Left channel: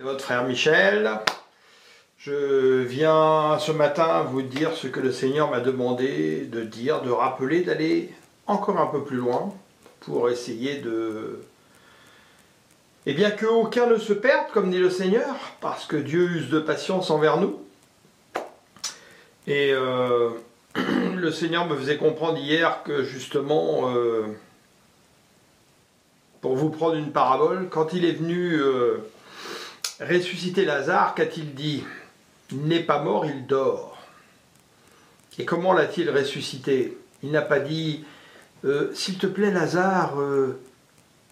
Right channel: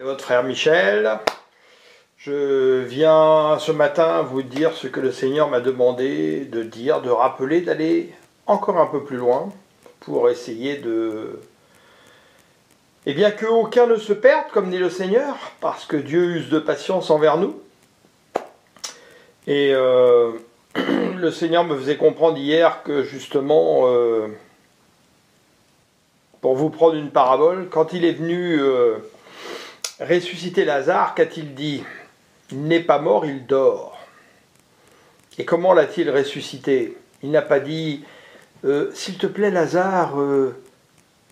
C'est votre frère Michel. Je viens ce matin vous dire ce que le Seigneur m'a demandé de dire, de rappeler, d'aller encore un peu plus loin pour essayer de... Eh bien, qu'aucun ne se perde, comme dit le Seigneur, parce que Dieu use de patience envers nous. Et le Seigneur me faisait comprendre hier que justement, pour vous prendre une parabole, quand il est venu ressusciter Lazare, qu'a-t-il dit ? Il n'est pas mort, il dort. Et comment l'a-t-il ressuscité ? Il n'a pas dit s'il te plaît Lazare,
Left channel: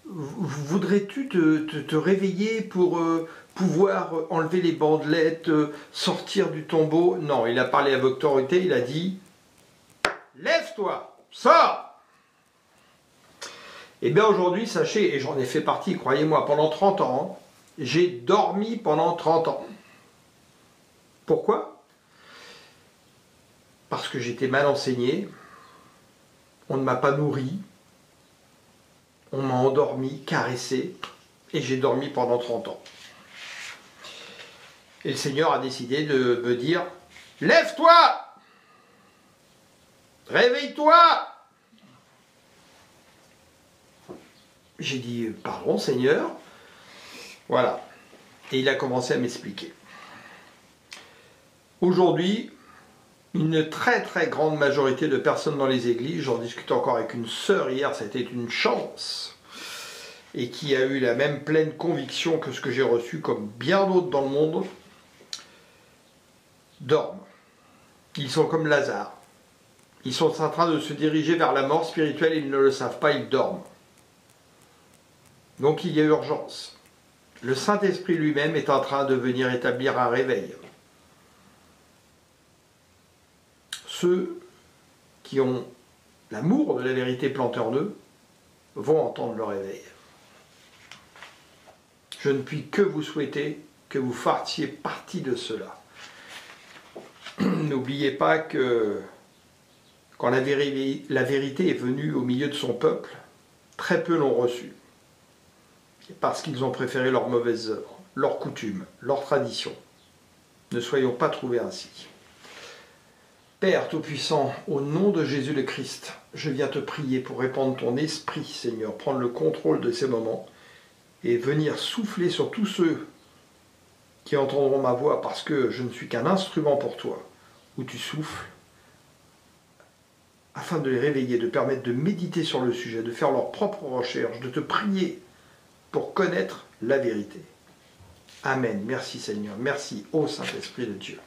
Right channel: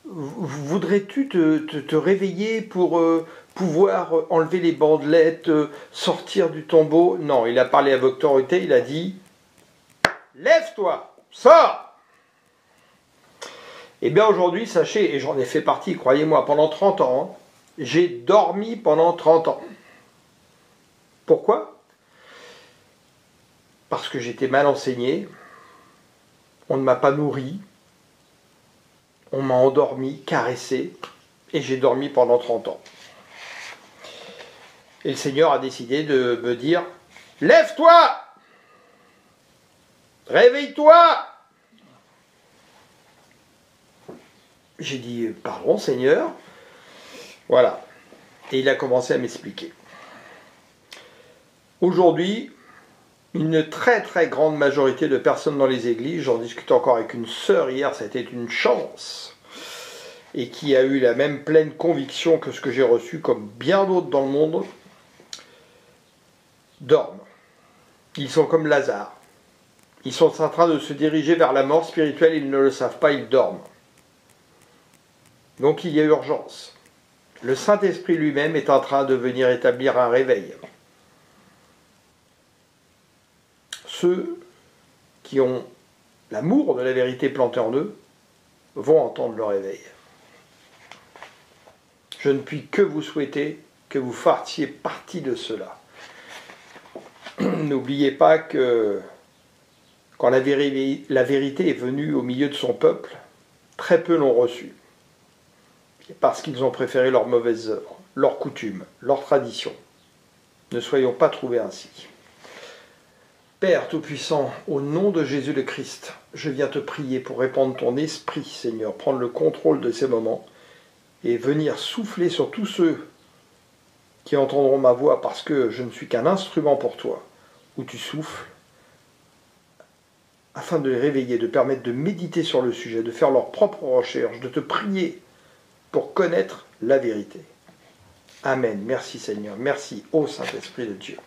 voudrais-tu te réveiller pour pouvoir enlever les bandelettes, sortir du tombeau ? Non, il a parlé avec autorité, il a dit lève-toi, sors. Eh bien aujourd'hui, sachez, et j'en ai fait partie, croyez-moi, pendant 30 ans, j'ai dormi pendant 30 ans. Pourquoi ? Parce que j'étais mal enseigné, on ne m'a pas nourri, on m'a endormi, caressé, et j'ai dormi pendant 30 ans. Et le Seigneur a décidé de me dire « Lève-toi ! Réveille-toi !» J'ai dit « Pardon Seigneur ?» Voilà. Et il a commencé à m'expliquer. Aujourd'hui, une très très grande majorité de personnes dans les églises, j'en discutais encore avec une sœur hier, ça a été une chance, et qui a eu la même pleine conviction que ce que j'ai reçu, comme bien d'autres dans le monde, dorment. Ils sont comme Lazare. Ils sont en train de se diriger vers la mort spirituelle, ils ne le savent pas, ils dorment. Donc il y a urgence. Le Saint-Esprit lui-même est en train de venir établir un réveil. Ceux qui ont l'amour de la vérité planté en eux vont entendre le réveil. Je ne puis que vous souhaiter que vous fassiez partie de cela. N'oubliez pas que quand la vérité est venue au milieu de son peuple, très peu l'ont reçue. Parce qu'ils ont préféré leurs mauvaises œuvres, leurs coutumes, leurs traditions. Ne soyons pas trouvés ainsi. Père Tout-Puissant, au nom de Jésus le Christ, je viens te prier pour répandre ton esprit, Seigneur, prendre le contrôle de ces moments et venir souffler sur tous ceux qui entendront ma voix parce que je ne suis qu'un instrument pour toi, où tu souffles, afin de les réveiller, de permettre de méditer sur le sujet, de faire leurs propres recherches, de te prier pour connaître la vérité. Amen. Merci Seigneur. Merci, ô Saint-Esprit de Dieu.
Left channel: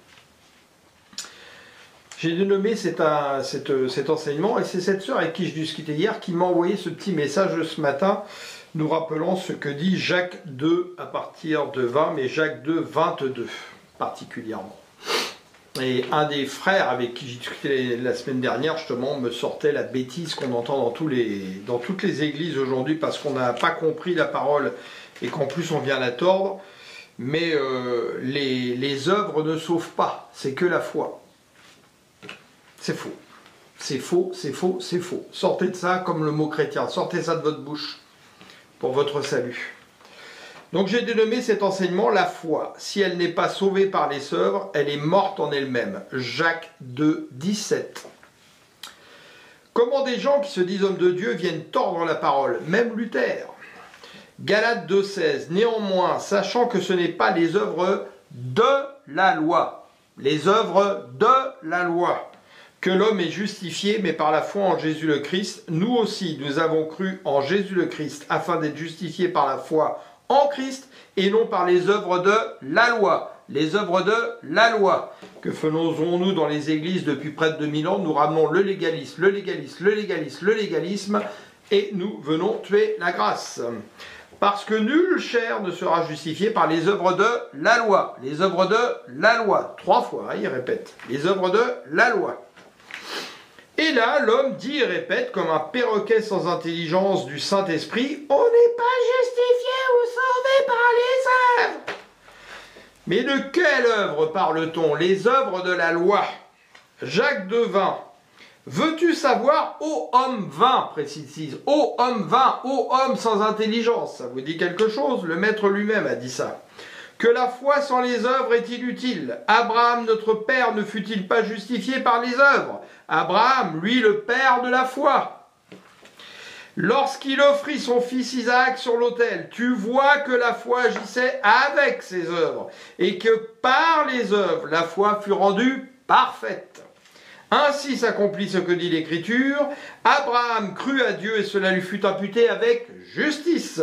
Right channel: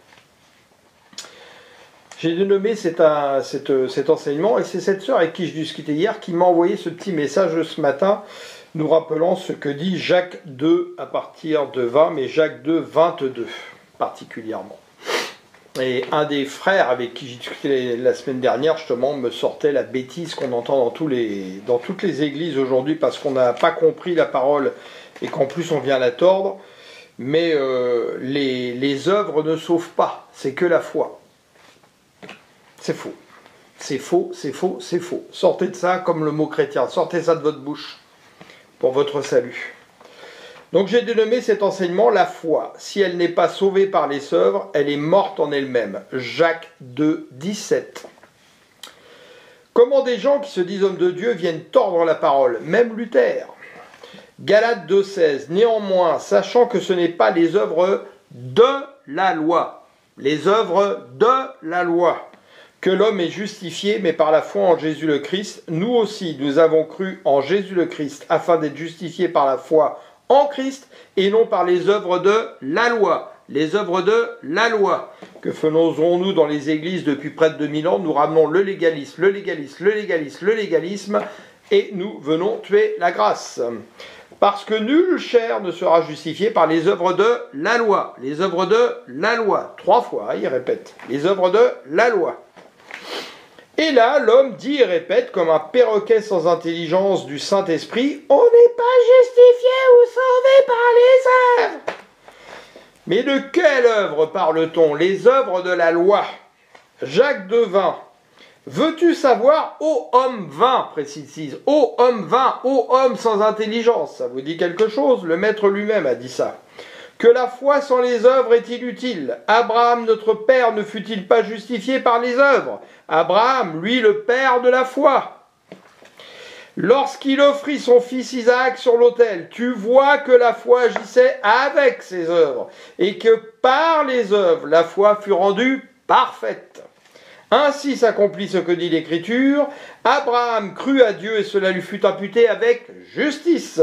J'ai dénommé cet enseignement, et c'est cette sœur avec qui je discutais hier qui m'a envoyé ce petit message ce matin, nous rappelant ce que dit Jacques 2 à partir de 20, mais Jacques 2, 22 particulièrement. Et un des frères avec qui j'ai discuté la semaine dernière, justement, me sortait la bêtise qu'on entend dans toutes les églises aujourd'hui, parce qu'on n'a pas compris la parole et qu'en plus on vient la tordre. Mais les œuvres ne sauvent pas, c'est que la foi. C'est faux. C'est faux, c'est faux, c'est faux. Sortez de ça comme le mot chrétien. Sortez ça de votre bouche pour votre salut. Donc j'ai dénommé cet enseignement la foi. Si elle n'est pas sauvée par les œuvres, elle est morte en elle-même. Jacques 2, 17. Comment des gens qui se disent hommes de Dieu viennent tordre la parole, même Luther. Galates 2, 16. Néanmoins, sachant que ce n'est pas les œuvres de la loi, les œuvres de la loi, que l'homme est justifié, mais par la foi en Jésus le Christ. Nous aussi, nous avons cru en Jésus le Christ, afin d'être justifiés par la foi en Christ, et non par les œuvres de la loi. Les œuvres de la loi. Que faisons-nous dans les églises depuis près de 2000 ans ? Nous ramenons le légalisme, le légalisme, le légalisme, le légalisme, et nous venons tuer la grâce. Parce que nulle chair ne sera justifiée par les œuvres de la loi. Les œuvres de la loi. 3 fois, il répète. Les œuvres de la loi. Et là, l'homme dit et répète, comme un perroquet sans intelligence du Saint-Esprit, « On n'est pas justifié ou sauvé par les œuvres !» Mais de quelle œuvre parle-t-on ? Les œuvres de la loi. Jacques 2, 20. Veux-tu savoir, ô homme vain, précise, ô homme vain, ô homme sans intelligence, ça vous dit quelque chose ? Le maître lui-même a dit ça. que la foi sans les œuvres est inutile. Abraham, notre père, ne fut-il pas justifié par les œuvres? Abraham, lui, le père de la foi. Lorsqu'il offrit son fils Isaac sur l'autel, tu vois que la foi agissait avec ses œuvres, et que par les œuvres, la foi fut rendue parfaite. Ainsi s'accomplit ce que dit l'Écriture. Abraham crut à Dieu et cela lui fut imputé avec justice.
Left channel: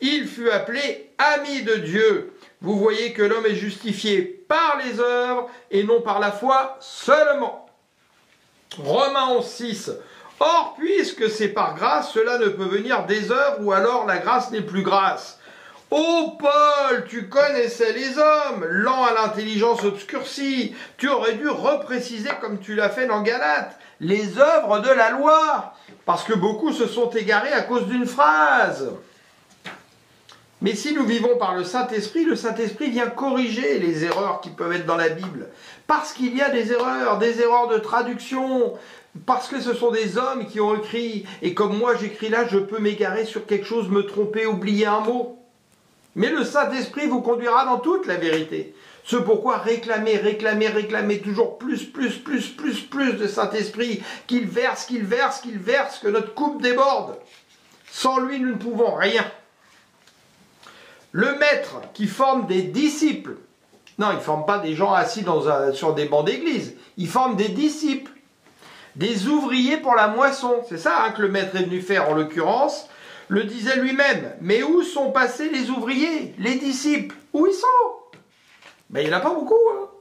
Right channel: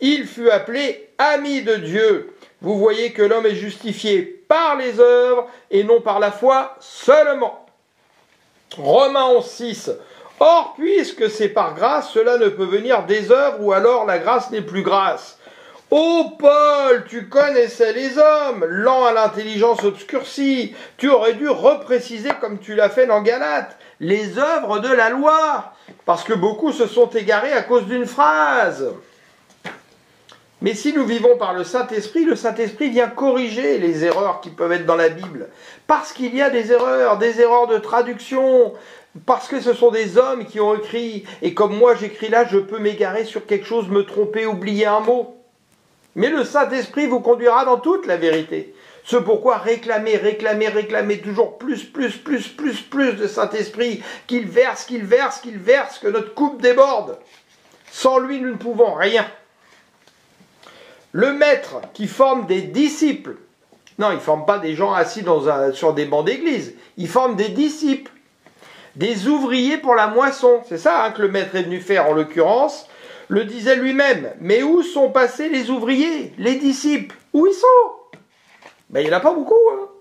Il fut appelé ami de Dieu. Vous voyez que l'homme est justifié par les œuvres et non par la foi seulement. Romains 11:6. Or, puisque c'est par grâce, cela ne peut venir des œuvres ou alors la grâce n'est plus grâce. Ô Paul, tu connaissais les hommes, lents à l'intelligence obscurcie. Tu aurais dû repréciser comme tu l'as fait dans Galates, les œuvres de la loi, parce que beaucoup se sont égarés à cause d'une phrase. Mais si nous vivons par le Saint-Esprit vient corriger les erreurs qui peuvent être dans la Bible. Parce qu'il y a des erreurs de traduction, parce que ce sont des hommes qui ont écrit, et comme moi j'écris là, je peux m'égarer sur quelque chose, me tromper, oublier un mot. Mais le Saint-Esprit vous conduira dans toute la vérité. C'est pourquoi réclamez toujours plus de Saint-Esprit, qu'il verse, que notre coupe déborde. Sans lui, nous ne pouvons rien. Le maître qui forme des disciples, non, il ne forme pas des gens assis sur des bancs d'église, il forme des disciples, des ouvriers pour la moisson. C'est ça que le maître est venu faire en l'occurrence, le disait lui-même. Mais où sont passés les ouvriers, les disciples? Où ils sont? Il n'y en a pas beaucoup.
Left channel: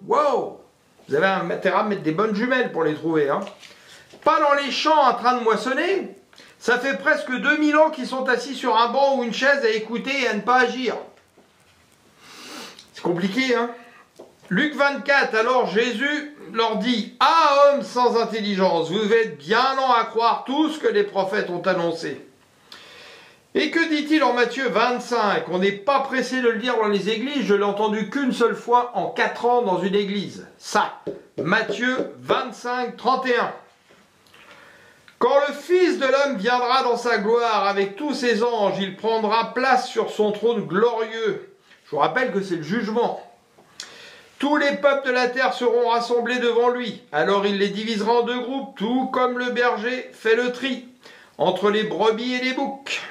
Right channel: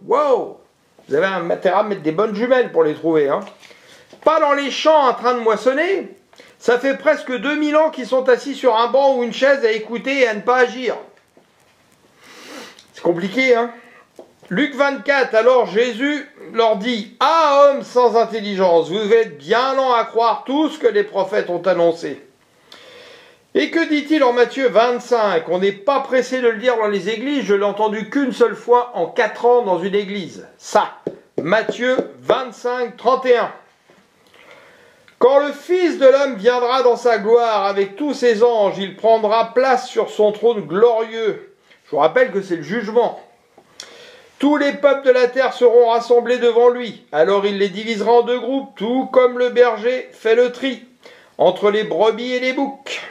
Wow. Vous avez intérêt à mettre des bonnes jumelles pour les trouver. Pas dans les champs en train de moissonner. Ça fait presque 2000 ans qu'ils sont assis sur un banc ou une chaise à écouter et à ne pas agir. C'est compliqué, Luc 24, alors Jésus leur dit, « Ah, hommes sans intelligence, vous êtes bien lents à croire tout ce que les prophètes ont annoncé. » Et que dit-il en Matthieu 25? On n'est pas pressé de le dire dans les églises, je l'ai entendu qu'une seule fois en 4 ans dans une église. Ça, Matthieu 25, 31. Quand le Fils de l'homme viendra dans sa gloire avec tous ses anges, il prendra place sur son trône glorieux. Je vous rappelle que c'est le jugement. Tous les peuples de la terre seront rassemblés devant lui. Alors il les divisera en 2 groupes, tout comme le berger fait le tri entre les brebis et les boucs.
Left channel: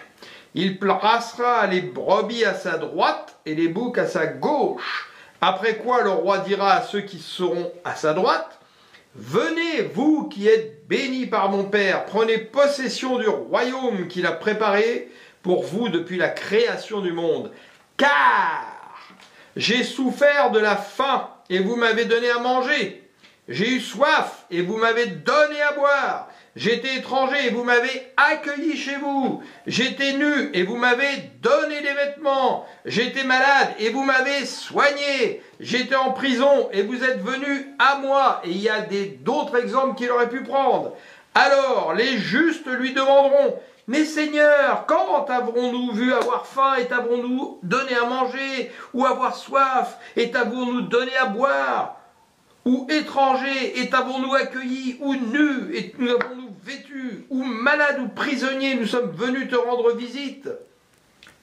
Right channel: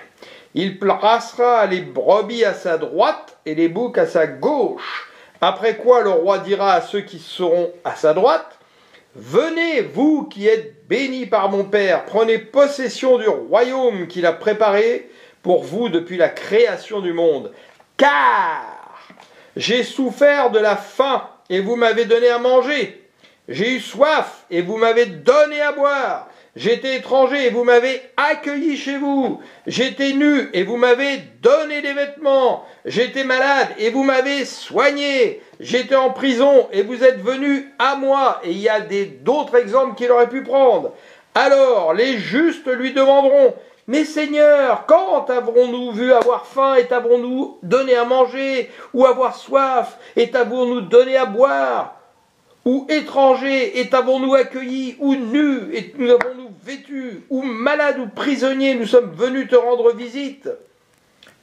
Il placera les brebis à sa droite et les boucs à sa gauche. Après quoi le roi dira à ceux qui seront à sa droite, « Venez, vous qui êtes bénis par mon Père, prenez possession du royaume qu'il a préparé pour vous depuis la création du monde. Car j'ai souffert de la faim et vous m'avez donné à manger. J'ai eu soif et vous m'avez donné à boire. J'étais étranger et vous m'avez accueilli chez vous. J'étais nu et vous m'avez donné des vêtements. J'étais malade et vous m'avez soigné. J'étais en prison et vous êtes venus à moi. » Et il y a d'autres exemples qu'il aurait pu prendre. Alors les justes lui demanderont, « Mais Seigneur, quand avons-nous vu avoir faim et t'avons-nous donné à manger, ou avoir soif et t'avons-nous donné à boire? Ou étrangers et t'avons-nous accueillis, ou nus et nous avons-nous vêtus, ou malades ou prisonniers, nous sommes venus te rendre visite? »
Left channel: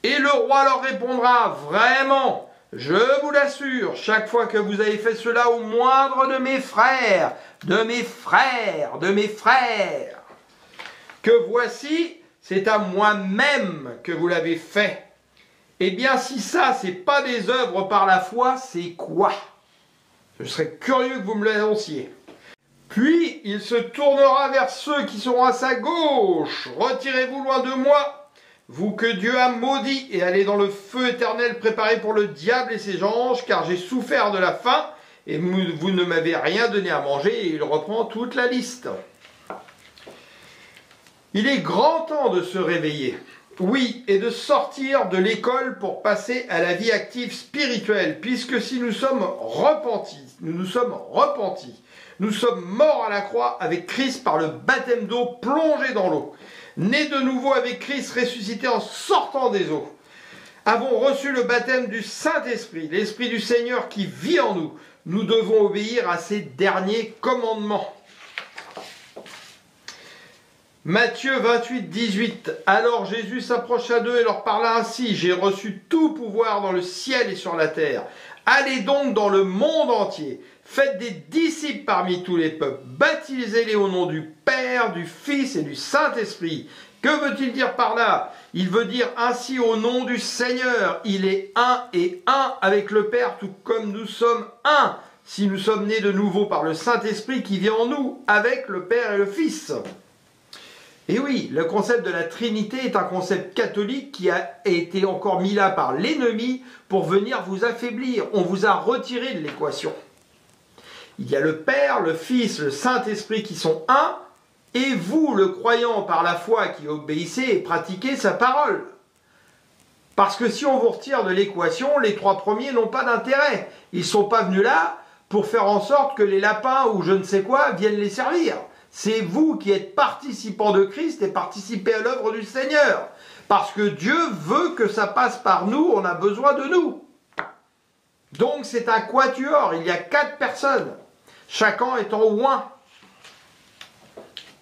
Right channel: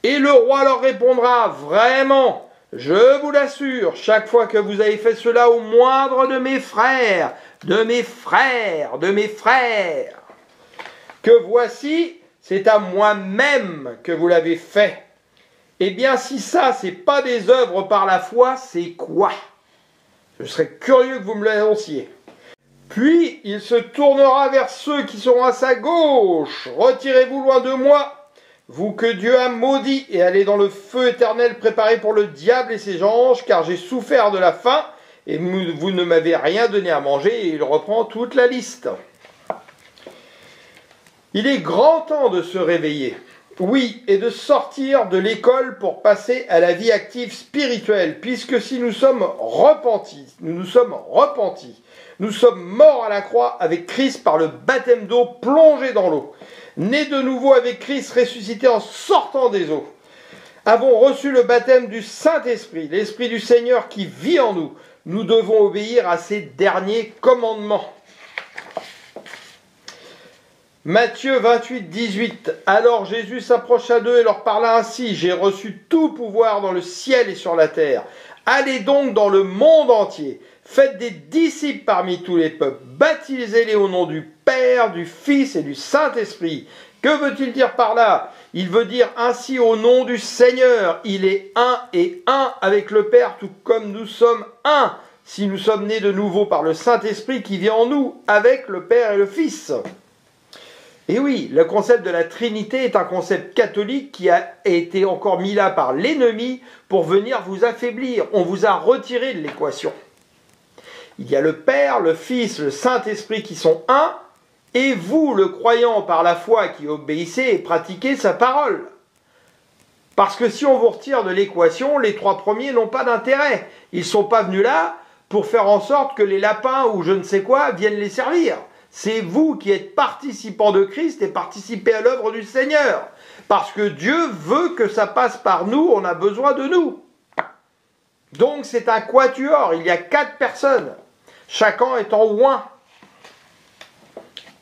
Et le roi leur répondra, « Vraiment, je vous l'assure, chaque fois que vous avez fait cela au moindre de mes frères, que voici, c'est à moi-même que vous l'avez fait. » Eh bien, si ça, c'est pas des œuvres par la foi, c'est quoi? Je serais curieux que vous me l'annonciez. Puis il se tournera vers ceux qui seront à sa gauche. « Retirez-vous loin de moi, vous que Dieu a maudits, et allez dans le feu éternel préparé pour le diable et ses anges, car j'ai souffert de la faim, et vous ne m'avez rien donné à manger. » Et il reprend toute la liste. Il est grand temps de se réveiller. Oui, et de sortir de l'école pour passer à la vie active spirituelle, puisque si nous sommes repentis, nous sommes morts à la croix avec Christ par le baptême d'eau plongé dans l'eau, nés de nouveau avec Christ ressuscités en sortant des eaux, avons reçu le baptême du Saint-Esprit, l'Esprit du Seigneur qui vit en nous, nous devons obéir à ces derniers commandements. Matthieu 28, 18. Alors Jésus s'approcha d'eux et leur parla ainsi. J'ai reçu tout pouvoir dans le ciel et sur la terre. Allez donc dans le monde entier. Faites des disciples parmi tous les peuples. Baptisez-les au nom du Père, du Fils et du Saint-Esprit. Que veut-il dire par là? Il veut dire ainsi au nom du Seigneur. Il est un et un avec le Père, tout comme nous sommes un. Si nous sommes nés de nouveau par le Saint-Esprit qui vit en nous, avec le Père et le Fils. Et oui, le concept de la Trinité est un concept catholique qui a été encore mis là par l'ennemi pour venir vous affaiblir. On vous a retiré de l'équation. Il y a le Père, le Fils, le Saint-Esprit qui sont un, et vous, le croyant par la foi qui obéissez et pratiquez sa parole. Parce que si on vous retire de l'équation, les trois premiers n'ont pas d'intérêt. Ils ne sont pas venus là pour faire en sorte que les lapins ou je ne sais quoi viennent les servir. C'est vous qui êtes participants de Christ et participez à l'œuvre du Seigneur. Parce que Dieu veut que ça passe par nous, on a besoin de nous. Donc c'est un quatuor, il y a 4 personnes, chacun étant un,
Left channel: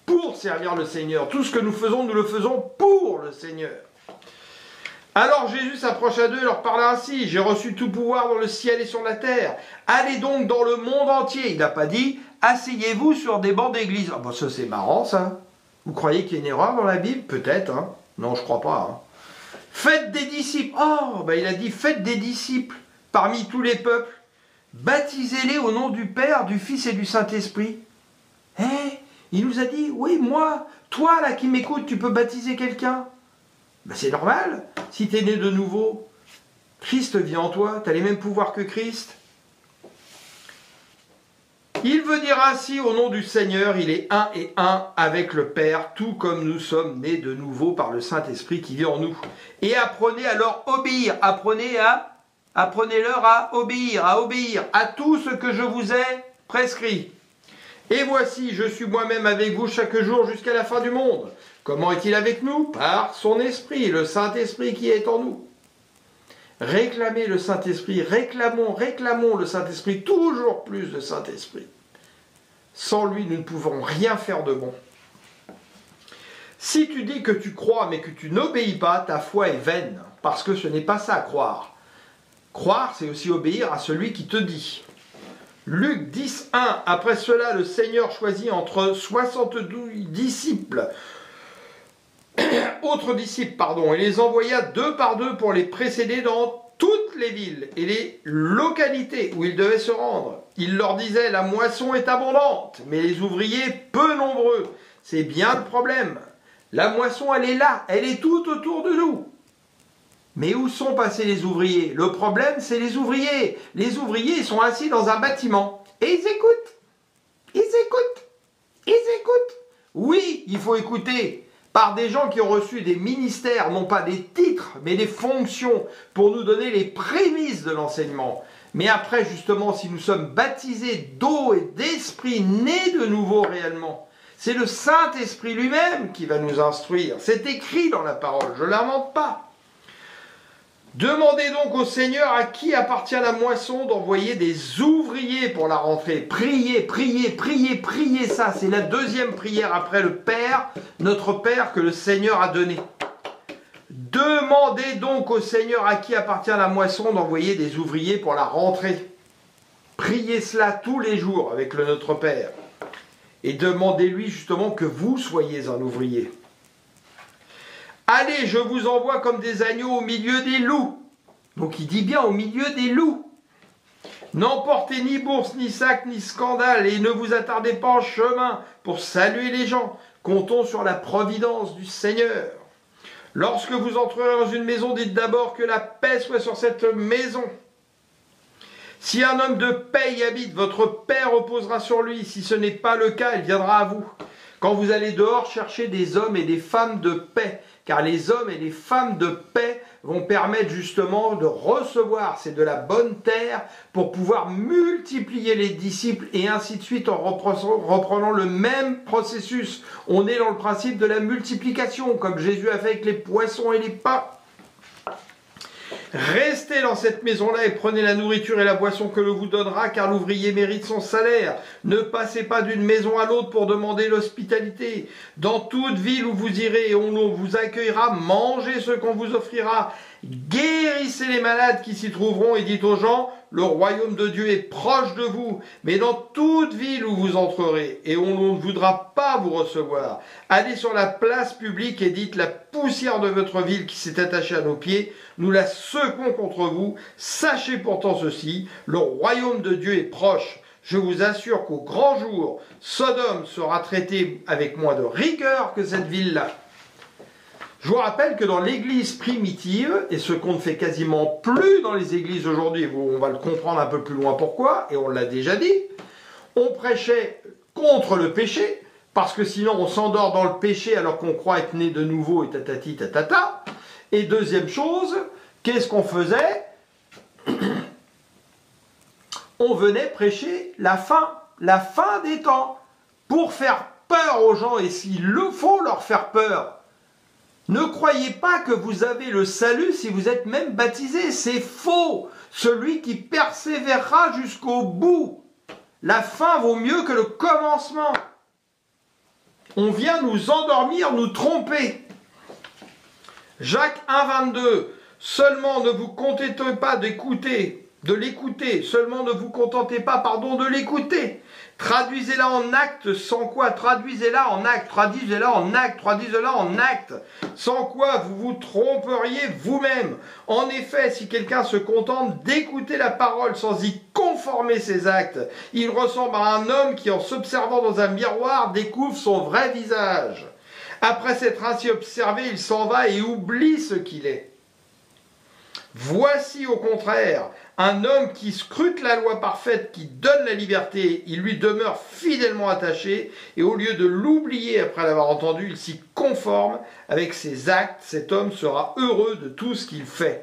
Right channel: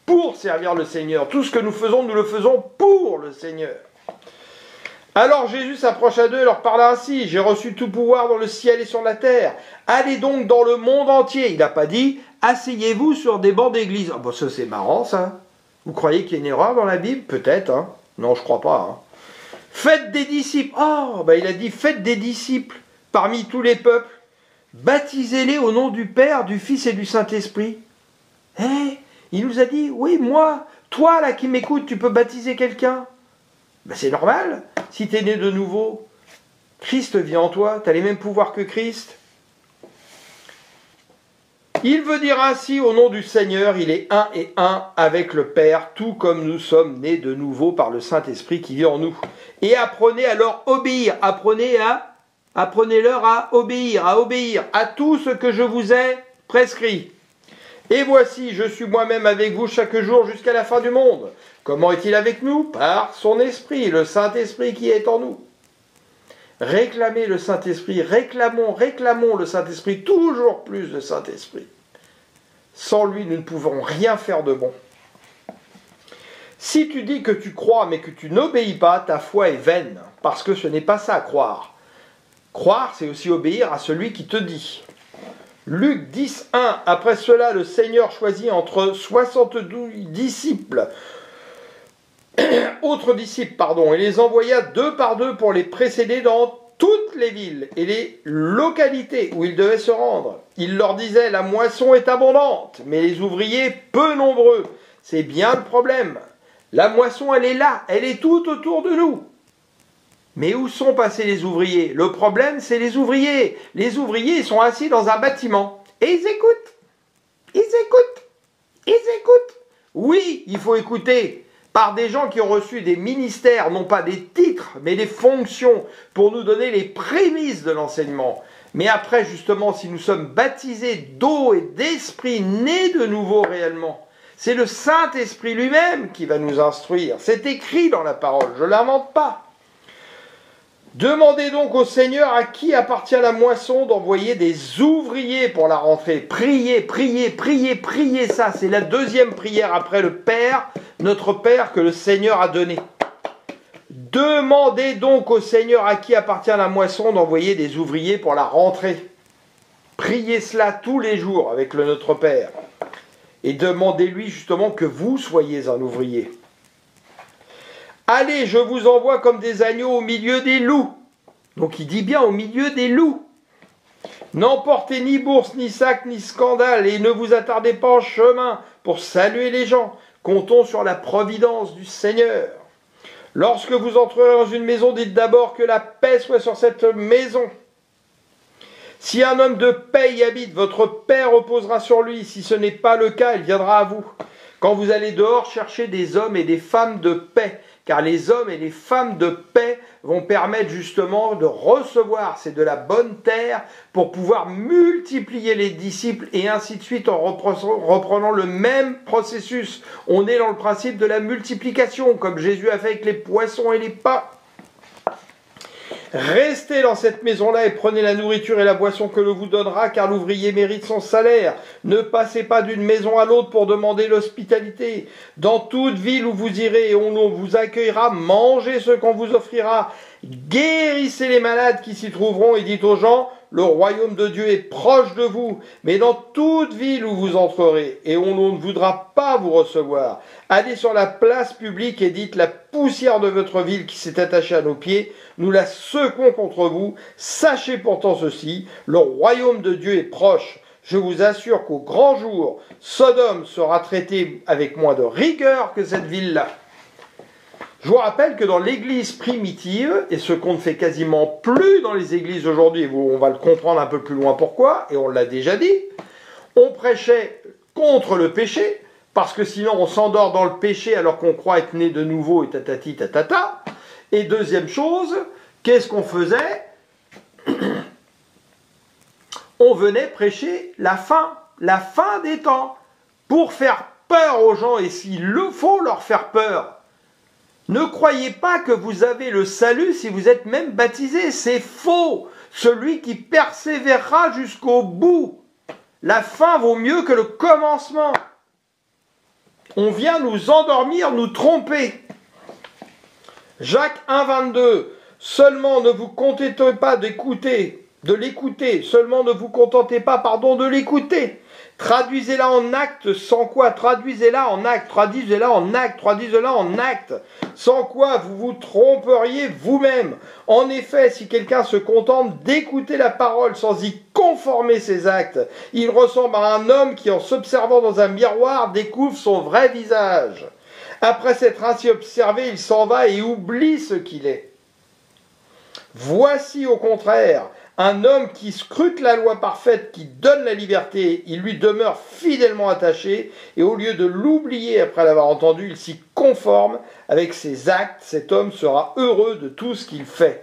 pour servir le Seigneur. Tout ce que nous le faisons pour le Seigneur. Alors Jésus s'approcha d'eux et leur parla ainsi. J'ai reçu tout pouvoir dans le ciel et sur la terre. Allez donc dans le monde entier. Il n'a pas dit, asseyez-vous sur des bancs d'église. Ah ben ça c'est marrant ça. Vous croyez qu'il y a une erreur dans la Bible? Peut-être, hein. Non, je crois pas. Hein. Faites des disciples. Oh, ben il a dit, faites des disciples parmi tous les peuples. Baptisez-les au nom du Père, du Fils et du Saint-Esprit. Il nous a dit, oui, moi, toi là qui m'écoutes, tu peux baptiser quelqu'un. Ben c'est normal, si tu es né de nouveau, Christ vit en toi, tu as les mêmes pouvoirs que Christ. Il veut dire ainsi au nom du Seigneur, il est un et un avec le Père, tout comme nous sommes nés de nouveau par le Saint-Esprit qui vit en nous. Et apprenez à leur obéir, apprenez-leur à obéir à tout ce que je vous ai prescrit. Et voici, je suis moi-même avec vous chaque jour jusqu'à la fin du monde. Comment est-il avec nous? Par son Esprit, le Saint-Esprit qui est en nous. Réclamez le Saint-Esprit, réclamons le Saint-Esprit, toujours plus de Saint-Esprit. Sans lui, nous ne pouvons rien faire de bon. Si tu dis que tu crois mais que tu n'obéis pas, ta foi est vaine, parce que ce n'est pas ça, croire. Croire, c'est aussi obéir à celui qui te dit. Luc 10, 1. Après cela, le Seigneur choisit entre 72 disciples, autres disciples, et les envoya 2 par 2 pour les précéder dans toutes les villes et les localités où ils devaient se rendre. Il leur disait, la moisson est abondante, mais les ouvriers peu nombreux. C'est bien le problème. La moisson, elle est là, elle est tout autour de nous. Mais où sont passés les ouvriers? Le problème, c'est les ouvriers. Les ouvriers, ils sont assis dans un bâtiment. Et ils écoutent. Oui, il faut écouter par des gens qui ont reçu des ministères, non pas des titres, mais des fonctions, pour nous donner les prémices de l'enseignement. Mais après, justement, si nous sommes baptisés d'eau et d'esprit, nés de nouveau réellement, c'est le Saint-Esprit lui-même qui va nous instruire. C'est écrit dans la parole, je ne l'invente pas. Demandez donc au Seigneur à qui appartient la moisson d'envoyer des ouvriers pour la rentrée. Priez, ça c'est la deuxième prière après le Père, notre Père que le Seigneur a donné. Demandez donc au Seigneur à qui appartient la moisson d'envoyer des ouvriers pour la rentrée. Priez cela tous les jours avec le Notre Père. Et demandez-lui justement que vous soyez un ouvrier. Allez, je vous envoie comme des agneaux au milieu des loups. Donc il dit bien au milieu des loups. N'emportez ni bourse, ni sac, ni scandale, et ne vous attardez pas en chemin pour saluer les gens. Comptons sur la providence du Seigneur. Lorsque vous entrerez dans une maison, dites d'abord que la paix soit sur cette maison. Si un homme de paix y habite, votre paix reposera sur lui. Si ce n'est pas le cas, il viendra à vous. Quand vous allez dehors, cherchez des hommes et des femmes de paix, car les hommes et les femmes de paix vont permettre justement de recevoir, c'est de la bonne terre, pour pouvoir multiplier les disciples et ainsi de suite en reprenant le même processus. On est dans le principe de la multiplication, comme Jésus a fait avec les poissons et les pains. Restez dans cette maison-là et prenez la nourriture et la boisson que l'on vous donnera, car l'ouvrier mérite son salaire. Ne passez pas d'une maison à l'autre pour demander l'hospitalité. Dans toute ville où vous irez et où l'on vous accueillera, mangez ce qu'on vous offrira. Guérissez les malades qui s'y trouveront et dites aux gens, le royaume de Dieu est proche de vous. Mais dans toute ville où vous entrerez et où l'on ne voudra pas vous recevoir, allez sur la place publique et dites, la poussière de votre ville qui s'est attachée à nos pieds, nous la secouons contre vous. Sachez pourtant ceci, le royaume de Dieu est proche. Je vous assure qu'au grand jour, Sodome sera traitée avec moins de rigueur que cette ville-là. Je vous rappelle que dans l'église primitive, et ce qu'on ne fait quasiment plus dans les églises aujourd'hui, on va le comprendre un peu plus loin pourquoi, et on l'a déjà dit, on prêchait contre le péché, parce que sinon on s'endort dans le péché alors qu'on croit être né de nouveau et tatati tatata. Et deuxième chose, qu'est-ce qu'on faisait? On venait prêcher la fin des temps, pour faire peur aux gens, et s'il le faut, leur faire peur. Ne croyez pas que vous avez le salut si vous êtes même baptisé, c'est faux. Celui qui persévérera jusqu'au bout. La fin vaut mieux que le commencement. On vient nous endormir, nous tromper. Jacques 1,22. Seulement ne vous contentez pas de l'écouter. Seulement ne vous contentez pas, de l'écouter. Traduisez-la en acte, sans quoi? Traduisez-la en acte, traduisez-la en acte, traduisez-la en acte. Sans quoi vous vous tromperiez vous-même. En effet, si quelqu'un se contente d'écouter la parole sans y conformer ses actes, il ressemble à un homme qui, en s'observant dans un miroir, découvre son vrai visage. Après s'être ainsi observé, il s'en va et oublie ce qu'il est. Voici au contraire un homme qui scrute la loi parfaite, qui donne la liberté, il lui demeure fidèlement attaché, et au lieu de l'oublier après l'avoir entendu, il s'y conforme avec ses actes. Cet homme sera heureux de tout ce qu'il fait.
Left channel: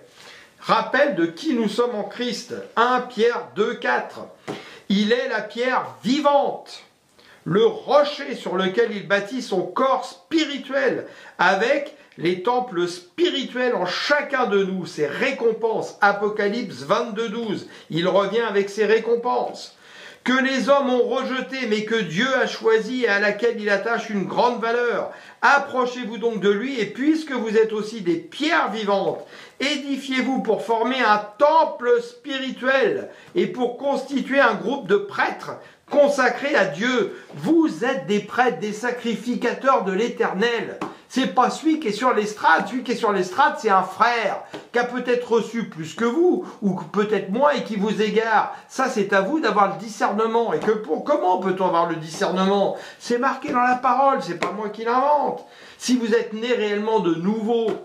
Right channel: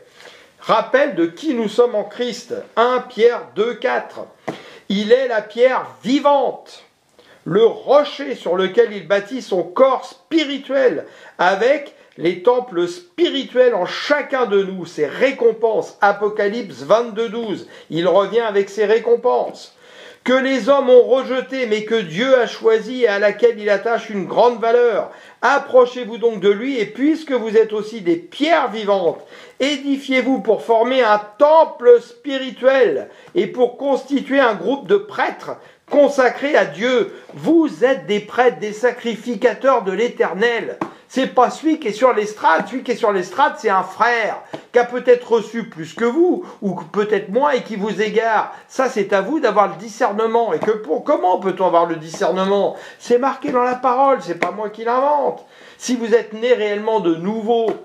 Rappel de qui nous sommes en Christ. 1 Pierre 2,4. Il est la pierre vivante, le rocher sur lequel il bâtit son corps spirituel, avec les temples spirituels en chacun de nous, ses récompenses. Apocalypse 22,12. Il revient avec ses récompenses. Que les hommes ont rejeté, mais que Dieu a choisi et à laquelle il attache une grande valeur. Approchez-vous donc de lui, et puisque vous êtes aussi des pierres vivantes, édifiez-vous pour former un temple spirituel et pour constituer un groupe de prêtres consacrés à Dieu. Vous êtes des prêtres, des sacrificateurs de l'Éternel. C'est pas celui qui est sur l'estrade. Celui qui est sur l'estrade, c'est un frère qui a peut-être reçu plus que vous, ou peut-être moins, et qui vous égare. Ça, c'est à vous d'avoir le discernement. Et comment peut-on avoir le discernement? C'est marqué dans la parole, c'est pas moi qui l'invente. Si vous êtes né réellement de nouveau,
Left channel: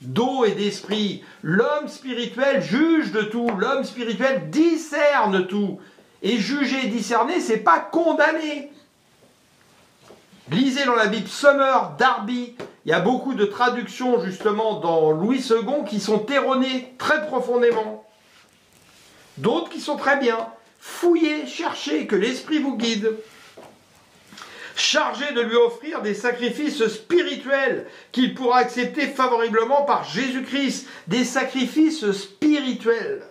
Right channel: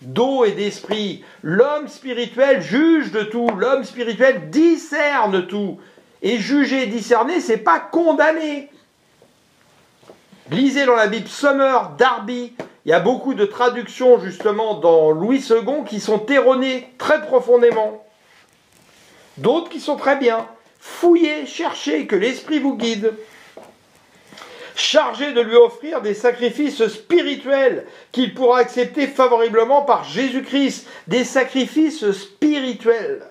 d'eau et d'esprit, l'homme spirituel juge de tout. L'homme spirituel discerne tout. Et juger et discerner, c'est pas condamner. Lisez dans la Bible Summer, Darby. Il y a beaucoup de traductions justement dans Louis II qui sont erronées très profondément. D'autres qui sont très bien. Fouillez, cherchez, que l'Esprit vous guide. Chargé de lui offrir des sacrifices spirituels qu'il pourra accepter favorablement par Jésus-Christ. Des sacrifices spirituels.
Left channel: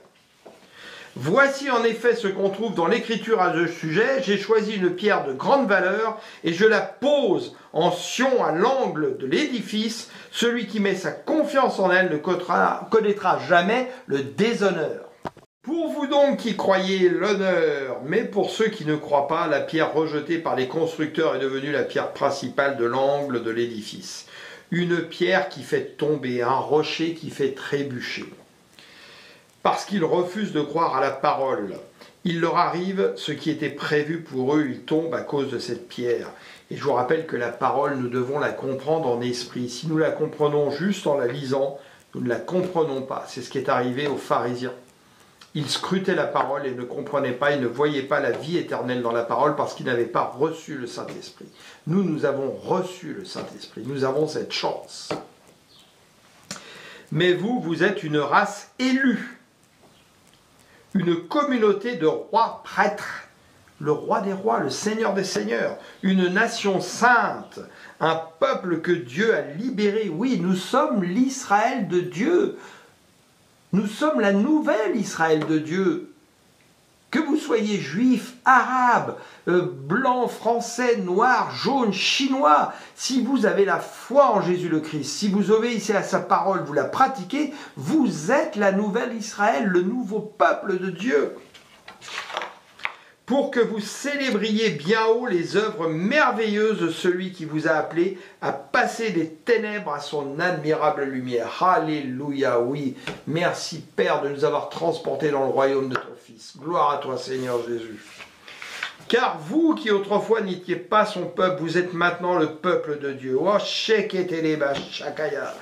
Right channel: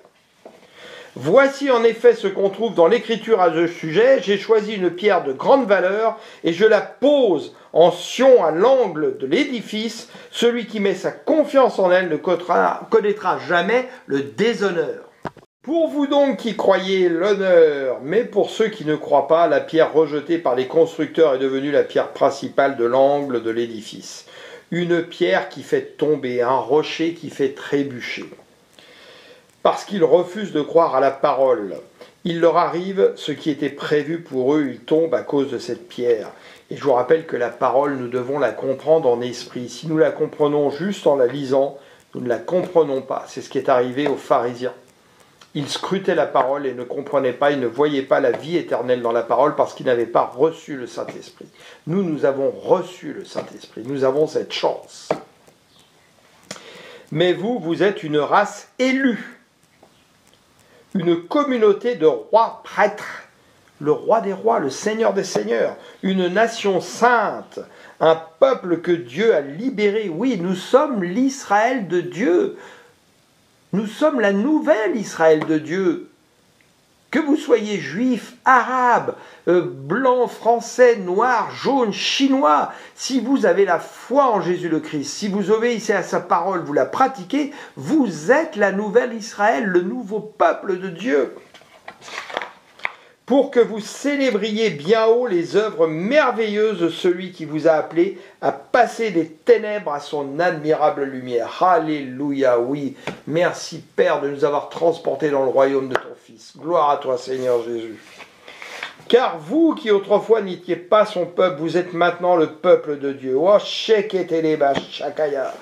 Voici en effet ce qu'on trouve dans l'Écriture à ce sujet. J'ai choisi une pierre de grande valeur et je la pose en sion à l'angle de l'édifice. Celui qui met sa confiance en elle ne connaîtra jamais le déshonneur. Pour vous donc qui croyez l'honneur, mais pour ceux qui ne croient pas, la pierre rejetée par les constructeurs est devenue la pierre principale de l'angle de l'édifice. Une pierre qui fait tomber, un rocher qui fait trébucher. Parce qu'ils refusent de croire à la parole. Il leur arrive ce qui était prévu pour eux, ils tombent à cause de cette pierre. Et je vous rappelle que la parole, nous devons la comprendre en esprit. Si nous la comprenons juste en la lisant, nous ne la comprenons pas. C'est ce qui est arrivé aux pharisiens. Ils scrutaient la parole et ne comprenaient pas, ils ne voyaient pas la vie éternelle dans la parole parce qu'ils n'avaient pas reçu le Saint-Esprit. Nous avons reçu le Saint-Esprit. Nous avons cette chance. Mais vous êtes une race élue. Une communauté de rois prêtres, le roi des rois, le seigneur des seigneurs, une nation sainte, un peuple que Dieu a libéré. Oui, nous sommes l'Israël de Dieu. Nous sommes la nouvelle Israël de Dieu. Que vous soyez juif, arabe, blanc, français, noir, jaune, chinois, si vous avez la foi en Jésus le Christ, si vous obéissez à sa parole, vous la pratiquez, vous êtes la nouvelle Israël, le nouveau peuple de Dieu. Pour que vous célébriez bien haut les œuvres merveilleuses de celui qui vous a appelé à passer des ténèbres à son admirable lumière. Alléluia, oui. Merci Père de nous avoir transportés dans le royaume de ton Fils. Gloire à toi Seigneur Jésus. Car vous qui autrefois n'étiez pas son peuple, vous êtes maintenant le peuple de Dieu. Oh, Sheketeleba Shakaya.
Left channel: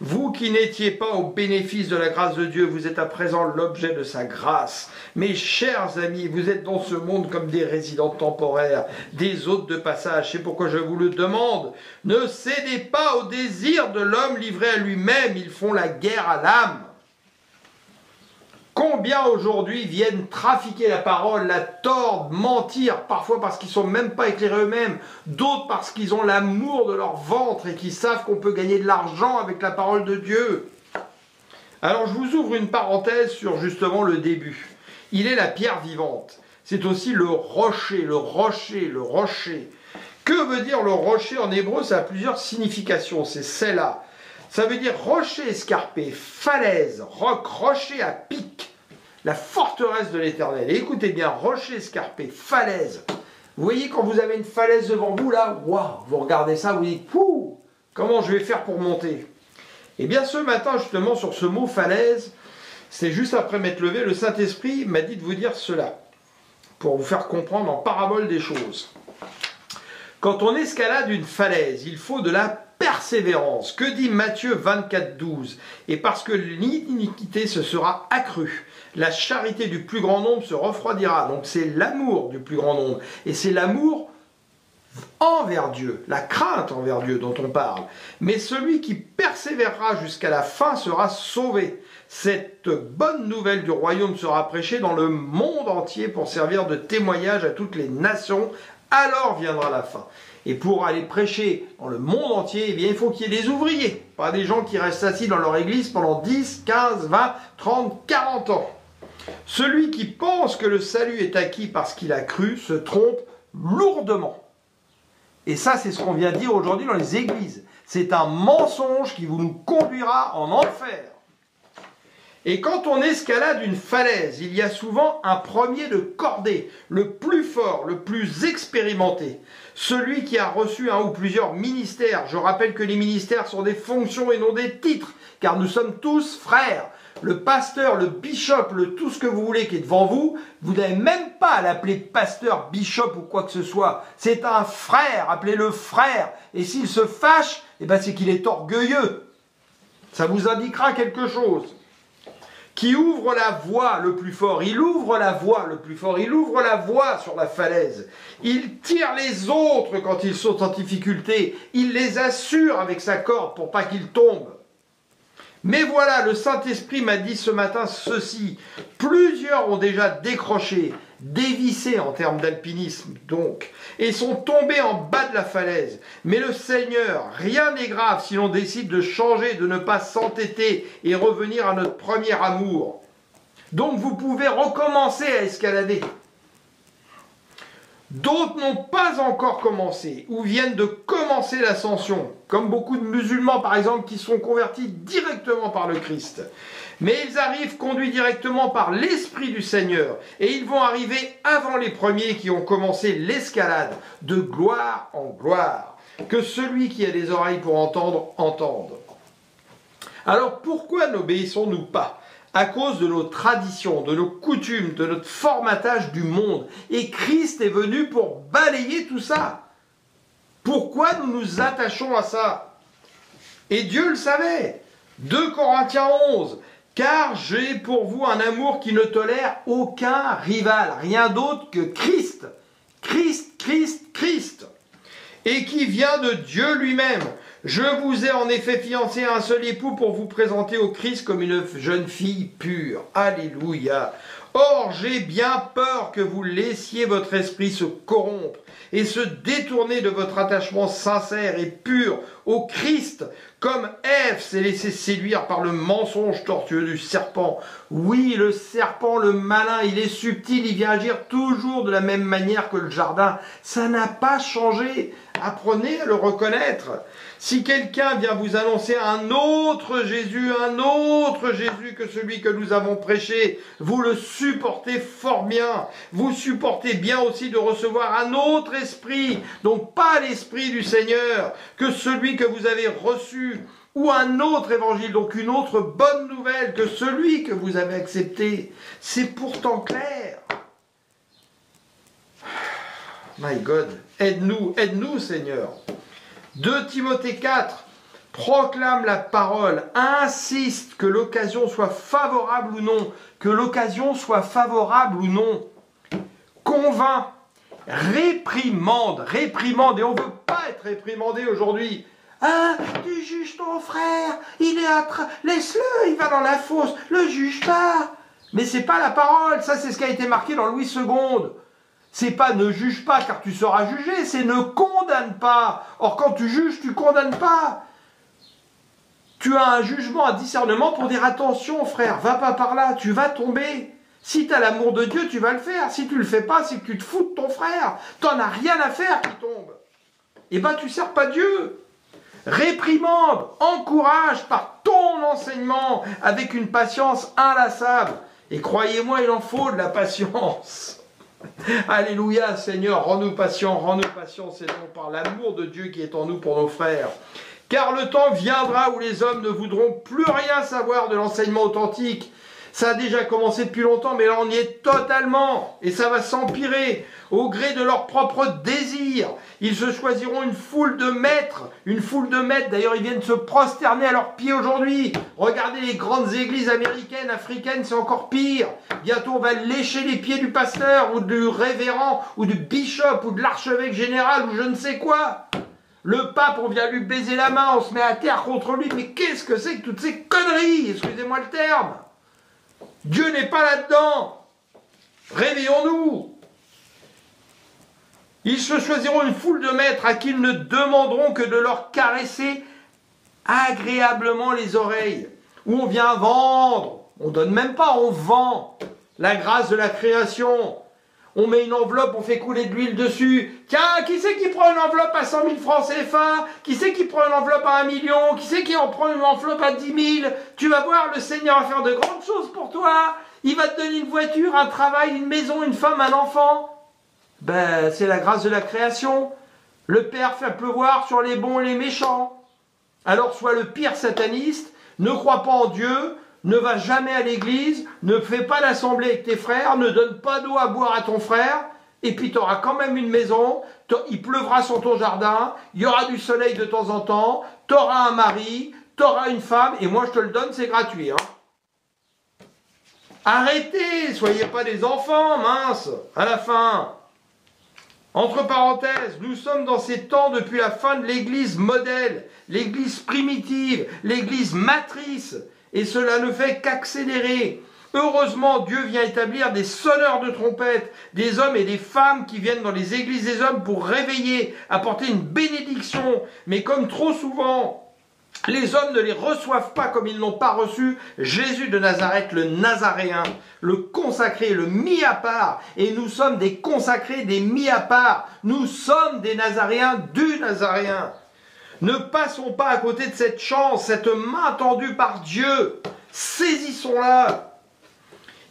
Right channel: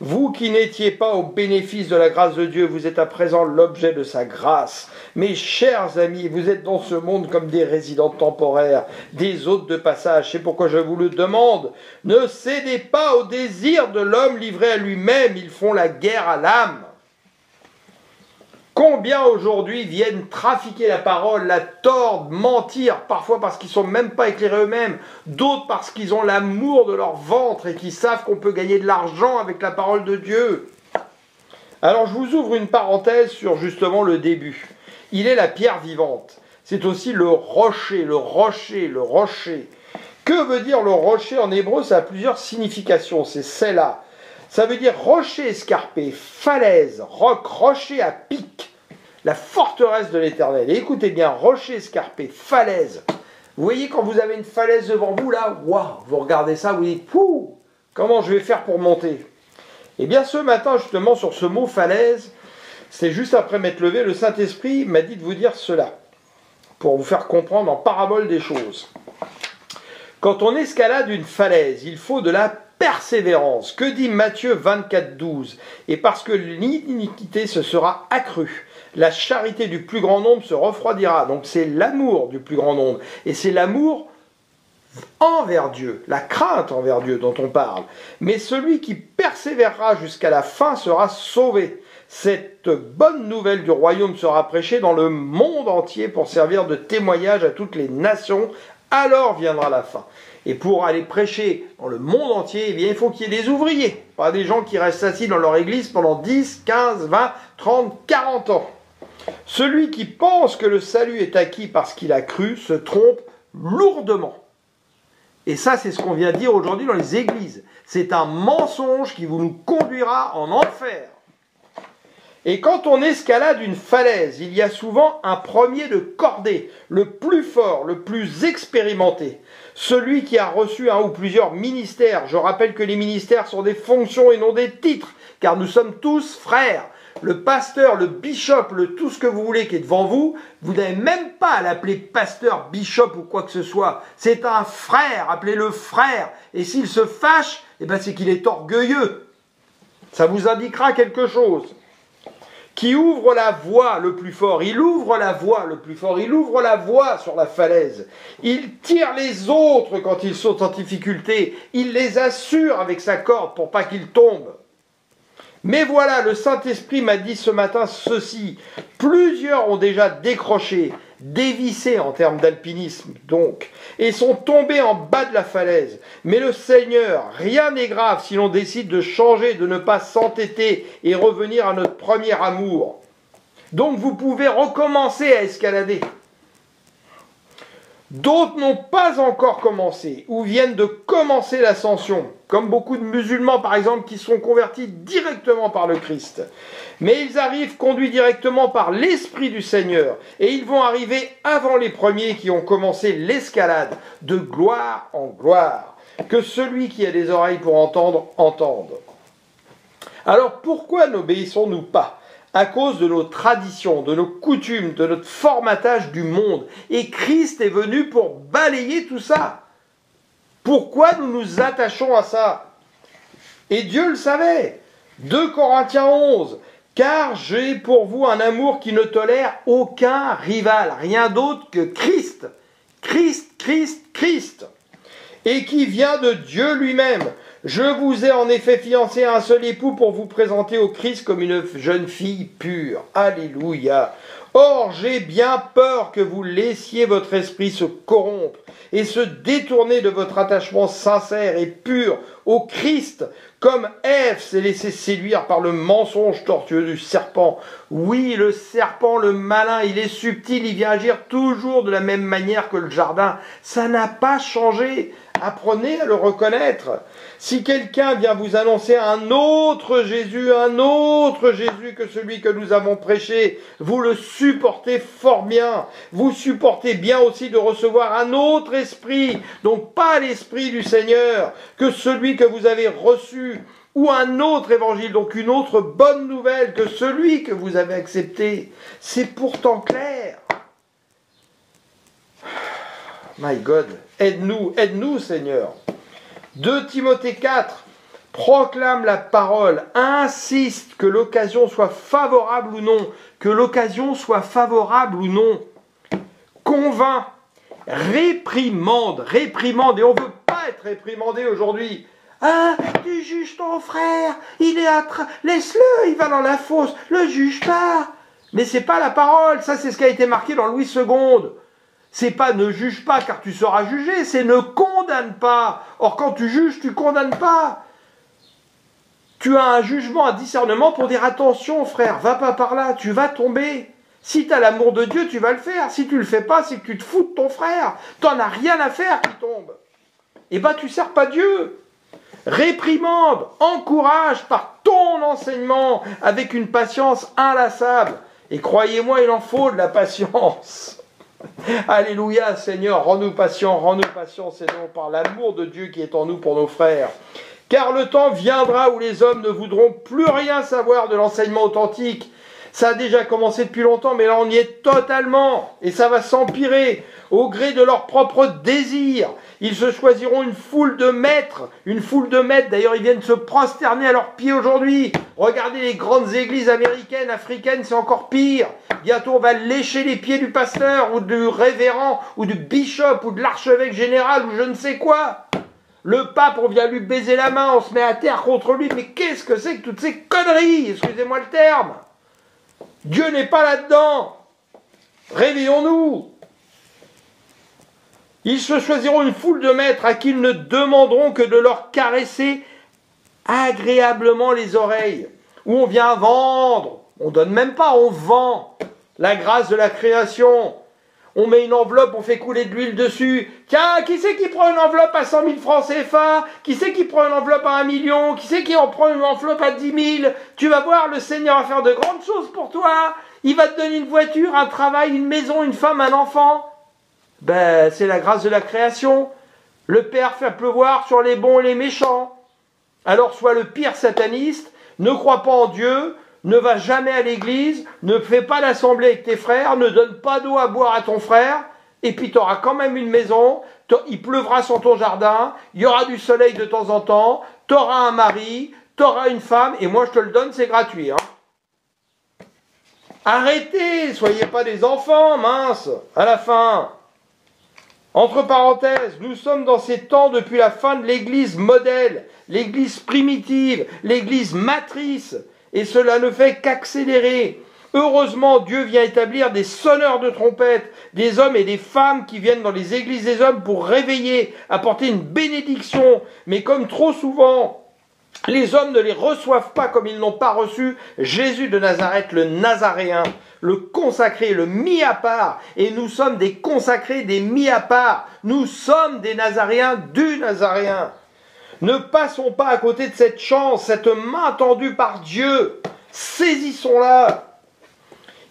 Vous qui n'étiez pas au bénéfice de la grâce de Dieu, vous êtes à présent l'objet de sa grâce. Mes chers amis, vous êtes dans ce monde comme des résidents temporaires, des hôtes de passage. C'est pourquoi je vous le demande. Ne cédez pas au désir de l'homme livré à lui-même. Ils font la guerre à l'âme. Combien aujourd'hui viennent trafiquer la parole, la tordre, mentir, parfois parce qu'ils ne sont même pas éclairés eux-mêmes, d'autres parce qu'ils ont l'amour de leur ventre et qu'ils savent qu'on peut gagner de l'argent avec la parole de Dieu. Alors je vous ouvre une parenthèse sur justement le début. Il est la pierre vivante. C'est aussi le rocher, le rocher, le rocher. Que veut dire le rocher en hébreu? Ça a plusieurs significations, c'est celle-là. Ça veut dire rocher escarpé, falaise, roc, rocher à pic, la forteresse de l'Éternel. Et écoutez bien, rocher escarpé, falaise. Vous voyez quand vous avez une falaise devant vous, là, waouh, vous regardez ça, vous dites, pouh, comment je vais faire pour monter? Eh bien ce matin, justement, sur ce mot falaise, c'est juste après m'être levé, le Saint-Esprit m'a dit de vous dire cela, pour vous faire comprendre en parabole des choses. Quand on escalade une falaise, il faut de la persévérance. Que dit Matthieu 24, 12? Et parce que l'iniquité se sera accrue, la charité du plus grand nombre se refroidira. Donc c'est l'amour du plus grand nombre. Et c'est l'amour envers Dieu, la crainte envers Dieu dont on parle. Mais celui qui persévérera jusqu'à la fin sera sauvé. Cette bonne nouvelle du royaume sera prêchée dans le monde entier pour servir de témoignage à toutes les nations. Alors viendra la fin. Et pour aller prêcher dans le monde entier, eh bien, il faut qu'il y ait des ouvriers, pas des gens qui restent assis dans leur église pendant 10, 15, 20, 30, 40 ans. Celui qui pense que le salut est acquis parce qu'il a cru se trompe lourdement. Et ça, c'est ce qu'on vient dire aujourd'hui dans les églises. C'est un mensonge qui nous conduira en enfer. Et quand on escalade une falaise, il y a souvent un premier de cordée, le plus fort, le plus expérimenté, celui qui a reçu un ou plusieurs ministères. Je rappelle que les ministères sont des fonctions et non des titres, car nous sommes tous frères. Le pasteur, le bishop, le tout ce que vous voulez qui est devant vous, vous n'avez même pas à l'appeler pasteur, bishop ou quoi que ce soit. C'est un frère, appelez-le frère. Et s'il se fâche, eh ben c'est qu'il est orgueilleux. Ça vous indiquera quelque chose. Qui ouvre la voie le plus fort, il ouvre la voie le plus fort, il ouvre la voie sur la falaise, il tire les autres quand ils sont en difficulté, il les assure avec sa corde pour pas qu'ils tombent. Mais voilà, le Saint-Esprit m'a dit ce matin ceci, plusieurs ont déjà décroché, dévissé en termes d'alpinisme donc, et sont tombés en bas de la falaise. Mais le Seigneur, rien n'est grave si l'on décide de changer, de ne pas s'entêter et revenir à notre premier amour. Donc vous pouvez recommencer à escalader. D'autres n'ont pas encore commencé ou viennent de commencer l'ascension, comme beaucoup de musulmans par exemple qui sont convertis directement par le Christ. Mais ils arrivent conduits directement par l'Esprit du Seigneur et ils vont arriver avant les premiers qui ont commencé l'escalade de gloire en gloire. Que celui qui a des oreilles pour entendre, entende. Alors pourquoi n'obéissons-nous pas ? À cause de nos traditions, de nos coutumes, de notre formatage du monde. Et Christ est venu pour balayer tout ça. Pourquoi nous nous attachons à ça? Et Dieu le savait. 2 Corinthiens 11. Car j'ai pour vous un amour qui ne tolère aucun rival, rien d'autre que Christ. Christ, Christ, Christ. Et qui vient de Dieu lui-même. Je vous ai en effet fiancé à un seul époux pour vous présenter au Christ comme une jeune fille pure. Alléluia. Or, j'ai bien peur que vous laissiez votre esprit se corrompre et se détourner de votre attachement sincère et pur au Christ, Comme Ève s'est laissée séduire par le mensonge tortueux du serpent. Oui, le serpent, le malin, il est subtil, il vient agir toujours de la même manière que le jardin. Ça n'a pas changé. Apprenez à le reconnaître. Si quelqu'un vient vous annoncer un autre Jésus que celui que nous avons prêché, vous le supportez fort bien. Vous supportez bien aussi de recevoir un autre esprit, donc pas l'esprit du Seigneur, que celui que vous avez reçu, ou un autre évangile, donc une autre bonne nouvelle que celui que vous avez accepté. C'est pourtant clair. My God, aide-nous Seigneur. 2 Timothée 4, proclame la parole, insiste que l'occasion soit favorable ou non, convainc, réprimande, et on ne veut pas être réprimandé aujourd'hui. Ah, tu juges ton frère, laisse-le, il va dans la fosse, le juge pas. Mais c'est pas la parole, ça c'est ce qui a été marqué dans Louis II. C'est pas ne juge pas car tu seras jugé, c'est ne condamne pas. Or quand tu juges, tu condamnes pas. Tu as un jugement, un discernement pour dire attention frère, va pas par là, tu vas tomber. Si tu as l'amour de Dieu, tu vas le faire. Si tu le fais pas, c'est que tu te fous de ton frère. T'en as rien à faire qui tombe. Et ben tu sers pas Dieu. Réprimande, encourage par ton enseignement avec une patience inlassable. Et croyez-moi, il en faut de la patience. Alléluia, Seigneur, rends-nous patients, Seigneur, par l'amour de Dieu qui est en nous pour nos frères. Car le temps viendra où les hommes ne voudront plus rien savoir de l'enseignement authentique. Ça a déjà commencé depuis longtemps, mais là on y est totalement, et ça va s'empirer, au gré de leurs propres désirs. Ils se choisiront une foule de maîtres, d'ailleurs ils viennent se prosterner à leurs pieds aujourd'hui. Regardez les grandes églises américaines, africaines, c'est encore pire. Bientôt on va lécher les pieds du pasteur, ou du révérend, ou du bishop, ou de l'archevêque général, ou je ne sais quoi. Le pape, on vient lui baiser la main, on se met à terre contre lui, mais qu'est-ce que c'est que toutes ces conneries, excusez-moi le terme. Dieu n'est pas là-dedans. Réveillons-nous. Ils se choisiront une foule de maîtres à qui ils ne demanderont que de leur caresser agréablement les oreilles. Où on vient vendre. On donne même pas, on vend la grâce de la création. On met une enveloppe, on fait couler de l'huile dessus. Tiens, qui c'est qui prend une enveloppe à 100 000 francs CFA? Qui c'est qui prend une enveloppe à 1 million? Qui c'est qui en prend une enveloppe à 10 000? Tu vas voir, le Seigneur va faire de grandes choses pour toi. Il va te donner une voiture, un travail, une maison, une femme, un enfant. Ben, c'est la grâce de la création. Le Père fait pleuvoir sur les bons et les méchants. Alors sois le pire sataniste, ne crois pas en Dieu, ne va jamais à l'église, ne fais pas l'assemblée avec tes frères, ne donne pas d'eau à boire à ton frère, et puis tu auras quand même une maison, il pleuvra sur ton jardin, il y aura du soleil de temps en temps, tu auras un mari, tu auras une femme, et moi je te le donne, c'est gratuit. Hein. Arrêtez, soyez pas des enfants, mince, à la fin. Entre parenthèses, nous sommes dans ces temps depuis la fin de l'église modèle, l'église primitive, l'église matrice, et cela ne fait qu'accélérer. Heureusement, Dieu vient établir des sonneurs de trompettes, des hommes et des femmes qui viennent dans les églises des hommes pour réveiller, apporter une bénédiction. Mais comme trop souvent, les hommes ne les reçoivent pas comme ils n'ont pas reçu Jésus de Nazareth, le Nazaréen, le consacré, le mis à part. Et nous sommes des consacrés, des mis à part. Nous sommes des Nazaréens du Nazaréen. Ne passons pas à côté de cette chance, cette main tendue par Dieu. Saisissons-la.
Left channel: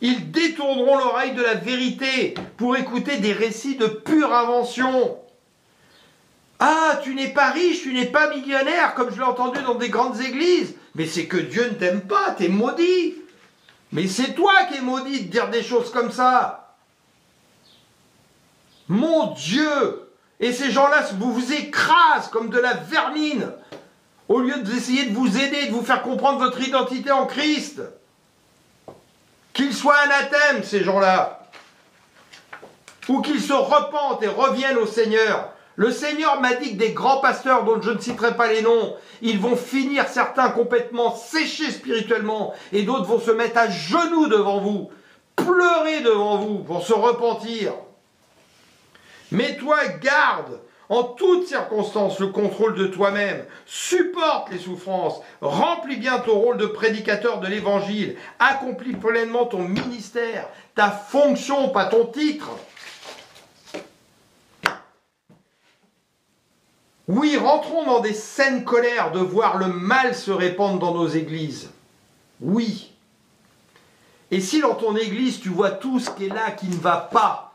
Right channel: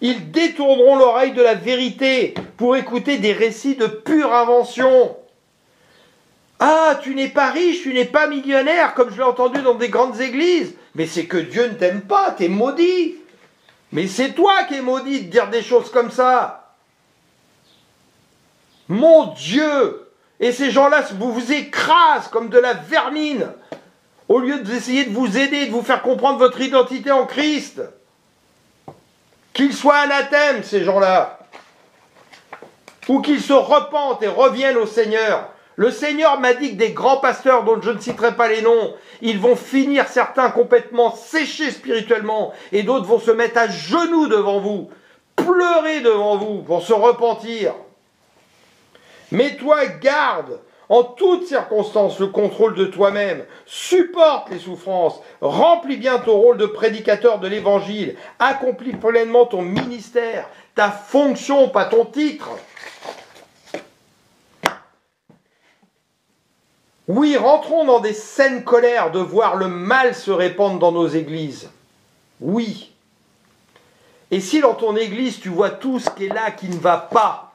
Ils détourneront l'oreille de la vérité pour écouter des récits de pure invention. Ah, tu n'es pas riche, tu n'es pas millionnaire, comme je l'ai entendu dans des grandes églises. Mais c'est que Dieu ne t'aime pas, t'es maudit. Mais c'est toi qui es maudit de dire des choses comme ça. Mon Dieu! Et ces gens-là vous écrasent comme de la vermine, au lieu d'essayer de vous aider, de vous faire comprendre votre identité en Christ. Qu'ils soient anathèmes, ces gens-là, ou qu'ils se repentent et reviennent au Seigneur. Le Seigneur m'a dit que des grands pasteurs, dont je ne citerai pas les noms, ils vont finir certains complètement séchés spirituellement, et d'autres vont se mettre à genoux devant vous, pleurer devant vous pour se repentir. Mets-toi garde, en toutes circonstances le contrôle de toi-même, supporte les souffrances, remplis bien ton rôle de prédicateur de l'Évangile, accomplis pleinement ton ministère, ta fonction, pas ton titre. Oui, rentrons dans des saines colères de voir le mal se répandre dans nos églises. Oui. Et si dans ton église tu vois tout ce qui est là qui ne va pas,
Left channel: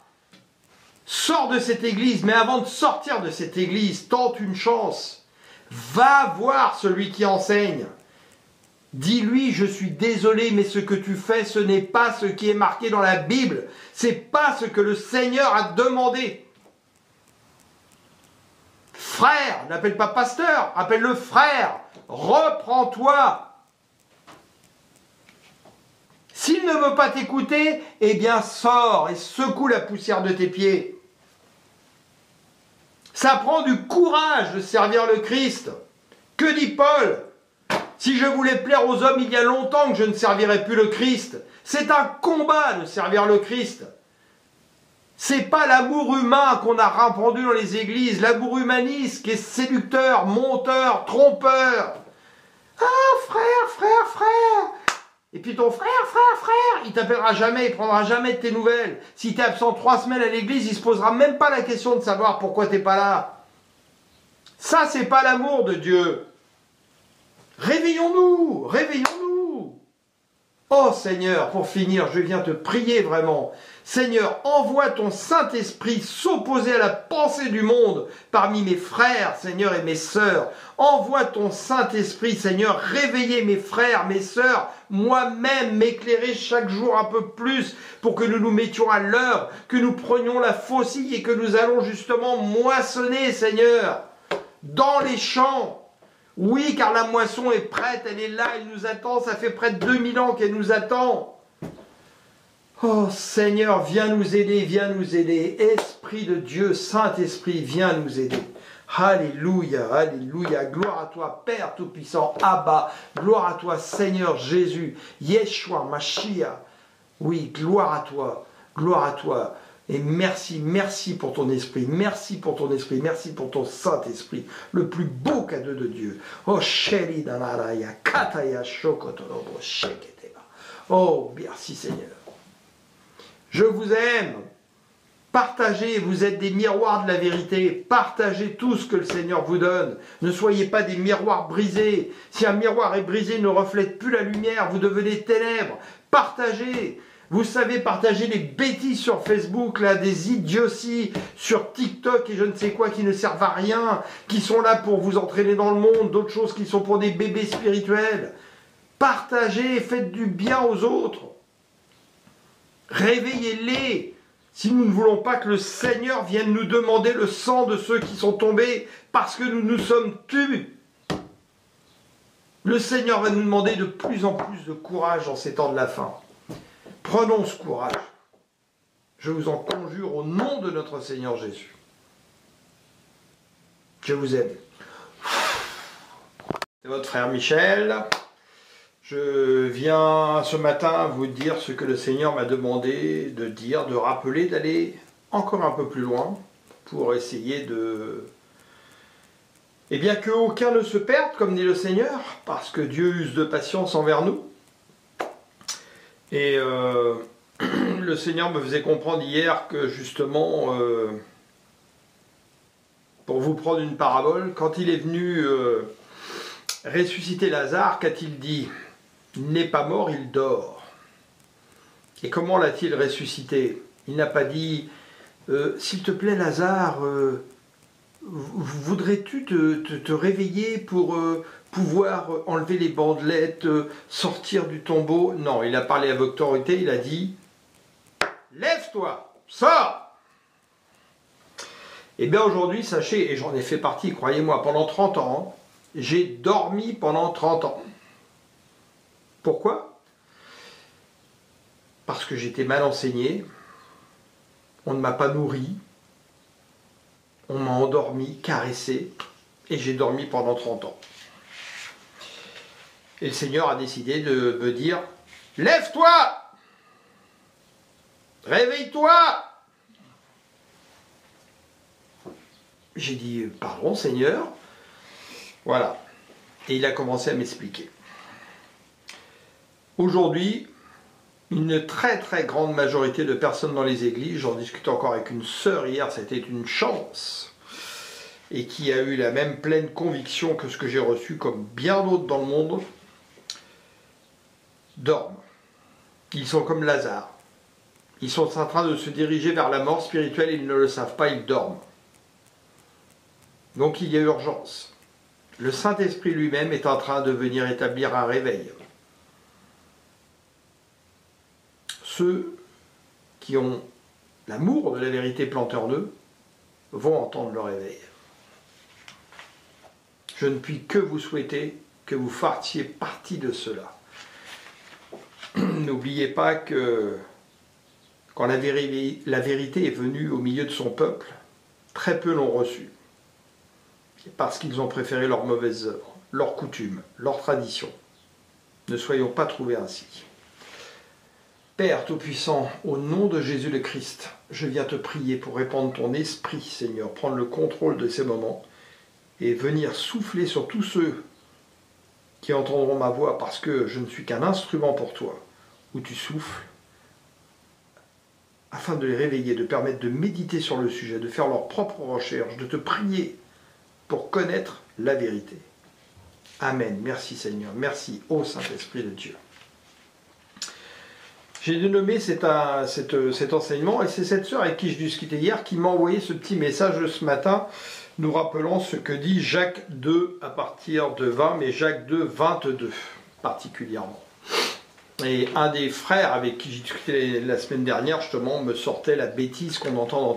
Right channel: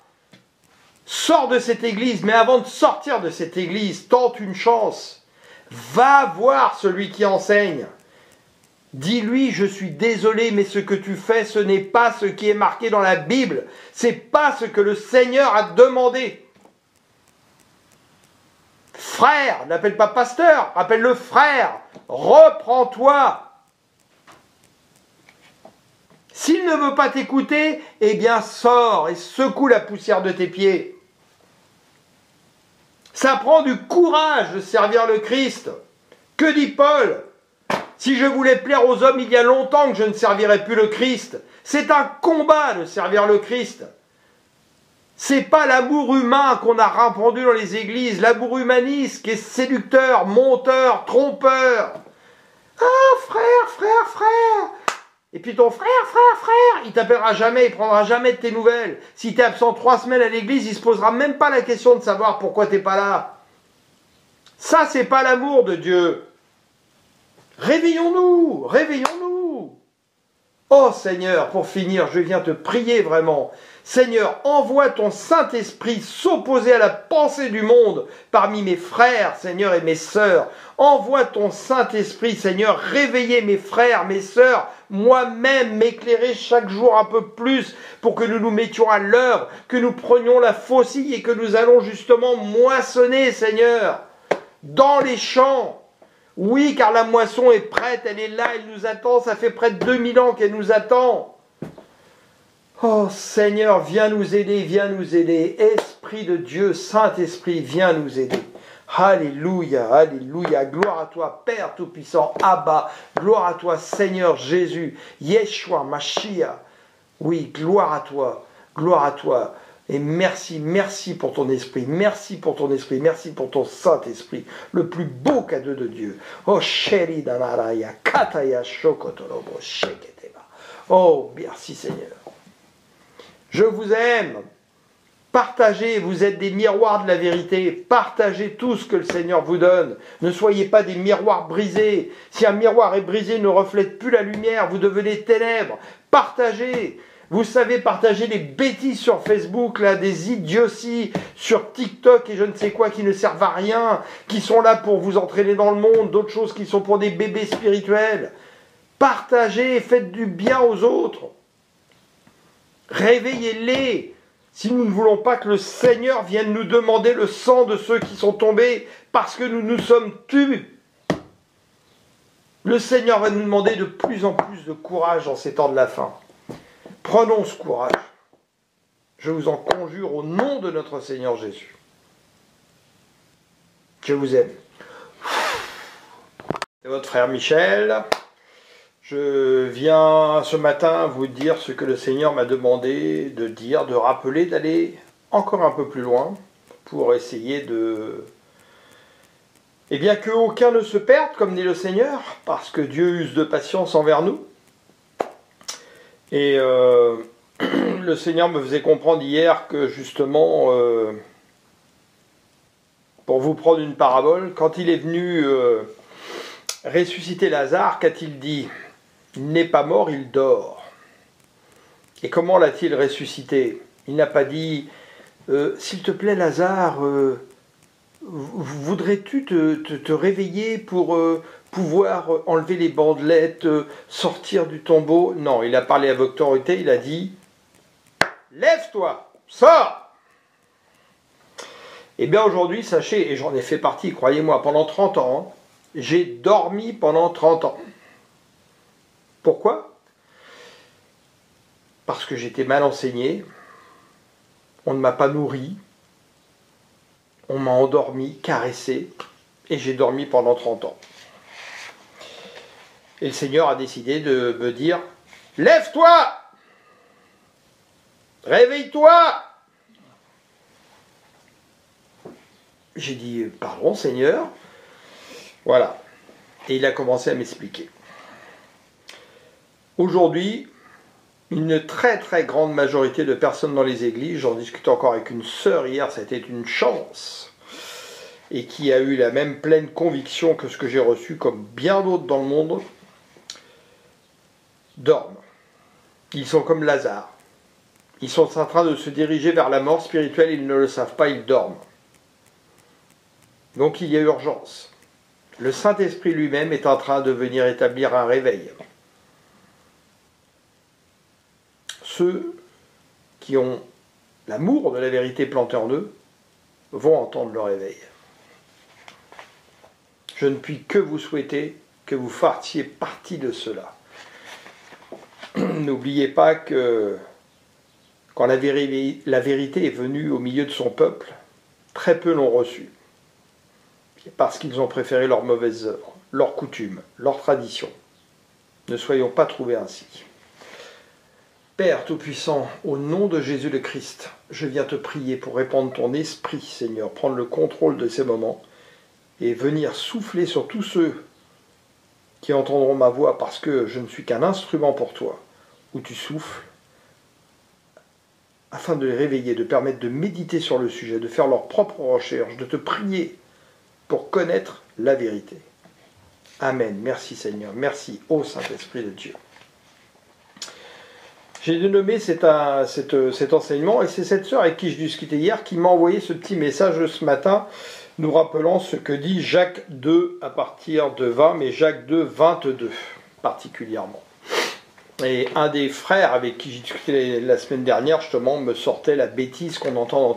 sors de cette église, mais avant de sortir de cette église, tente une chance. Va voir celui qui enseigne. Dis-lui, je suis désolé, mais ce que tu fais, ce n'est pas ce qui est marqué dans la Bible. C'est pas ce que le Seigneur a demandé. Frère, n'appelle pas pasteur, appelle-le frère. Reprends-toi. S'il ne veut pas t'écouter, eh bien sors et secoue la poussière de tes pieds. Ça prend du courage de servir le Christ. Que dit Paul? Si je voulais plaire aux hommes, il y a longtemps que je ne servirais plus le Christ. C'est un combat de servir le Christ. C'est pas l'amour humain qu'on a répandu dans les églises, l'amour humaniste qui est séducteur, monteur, trompeur. Ah, frère. Et puis ton frère, il t'appellera jamais, il prendra jamais de tes nouvelles. Si tu es absent 3 semaines à l'église, il se posera même pas la question de savoir pourquoi t'es pas là. Ça, c'est pas l'amour de Dieu. Réveillons-nous. Oh Seigneur, pour finir, je viens te prier vraiment. Seigneur, envoie ton Saint-Esprit s'opposer à la pensée du monde parmi mes frères, Seigneur, et mes sœurs. Envoie ton Saint-Esprit, Seigneur, réveiller mes frères, mes sœurs, moi-même, m'éclairer chaque jour un peu plus pour que nous nous mettions à l'œuvre, que nous prenions la faucille et que nous allons justement moissonner, Seigneur, dans les champs. Oui, car la moisson est prête, elle est là, elle nous attend, ça fait près de 2000 ans qu'elle nous attend. Oh Seigneur, viens nous aider. Esprit de Dieu, Saint-Esprit, viens nous aider. Alléluia, gloire à toi, Père Tout-Puissant, Abba, gloire à toi, Seigneur Jésus, Yeshua, Mashiach. Oui, gloire à toi. Et merci pour ton esprit, merci pour ton Saint-Esprit, le plus beau cadeau de Dieu. Oh, chéri danaraya, kataya shokotorobo sheketeba. Oh, merci Seigneur. Je vous aime. Partagez, vous êtes des miroirs de la vérité. Partagez tout ce que le Seigneur vous donne. Ne soyez pas des miroirs brisés. Si un miroir est brisé, il ne reflète plus la lumière, vous devenez ténèbres. Partagez. Vous savez partager des bêtises sur Facebook, là, des idioties sur TikTok et je ne sais quoi qui ne servent à rien, qui sont là pour vous entraîner dans le monde, d'autres choses qui sont pour des bébés spirituels. Partagez, faites du bien aux autres. Réveillez-les. Si nous ne voulons pas que le Seigneur vienne nous demander le sang de ceux qui sont tombés parce que nous nous sommes tus. Le Seigneur va nous demander de plus en plus de courage dans ces temps de la fin. Prenons ce courage. Je vous en conjure au nom de notre Seigneur Jésus. Je vous aime. C'est votre frère Michel. Je viens ce matin vous dire ce que le Seigneur m'a demandé de dire, de rappeler, d'aller encore un peu plus loin pour essayer de... Eh bien, qu'aucun ne se perde, comme dit le Seigneur, parce que Dieu use de patience envers nous. Et le Seigneur me faisait comprendre hier que justement, pour vous prendre une parabole, quand il est venu ressusciter Lazare, qu'a-t-il dit? Il n'est pas mort, il dort. Et comment l'a-t-il ressuscité? Il n'a pas dit s'il te plaît Lazare, voudrais-tu te réveiller pour pouvoir enlever les bandelettes, sortir du tombeau? Non, il a parlé avec autorité, il a dit lève-toi, sors. Eh bien aujourd'hui, sachez, et j'en ai fait partie, croyez-moi, pendant 30 ans, j'ai dormi pendant 30 ans. Pourquoi? Parce que j'étais mal enseigné, on ne m'a pas nourri, on m'a endormi, caressé, et j'ai dormi pendant 30 ans. Et le Seigneur a décidé de me dire « Lève-toi! Réveille-toi !» J'ai dit, pardon Seigneur. Voilà. Et il a commencé à m'expliquer. Aujourd'hui, une très très grande majorité de personnes dans les églises, j'en discutais encore avec une sœur hier, ça a été une chance, et qui a eu la même pleine conviction que ce que j'ai reçu, comme bien d'autres dans le monde, dorment. Ils sont comme Lazare. Ils sont en train de se diriger vers la mort spirituelle, ils ne le savent pas, ils dorment. Donc il y a urgence. Le Saint-Esprit lui-même est en train de venir établir un réveil. Ceux qui ont l'amour de la vérité planté en eux vont entendre le réveil. Je ne puis que vous souhaiter que vous fassiez partie de cela. N'oubliez pas que quand la vérité est venue au milieu de son peuple, très peu l'ont reçue. C'est parce qu'ils ont préféré leurs mauvaises œuvres, leurs coutumes, leurs traditions. Ne soyons pas trouvés ainsi. Père Tout-Puissant, au nom de Jésus le Christ, je viens te prier pour répandre ton esprit, Seigneur, prendre le contrôle de ces moments et venir souffler sur tous ceux qui entendront ma voix parce que je ne suis qu'un instrument pour toi, où tu souffles, afin de les réveiller, de permettre de méditer sur le sujet, de faire leurs propres recherches, de te prier pour connaître la vérité. Amen. Merci Seigneur. Merci ô Saint-Esprit de Dieu. J'ai dénommé cet enseignement, et c'est cette sœur avec qui je discutais hier qui m'a envoyé ce petit message ce matin, nous rappelant ce que dit Jacques 2 à partir de 20, mais Jacques 2, 22 particulièrement. Et un des frères avec qui j'ai discuté la semaine dernière, justement, me sortait la bêtise qu'on entend dans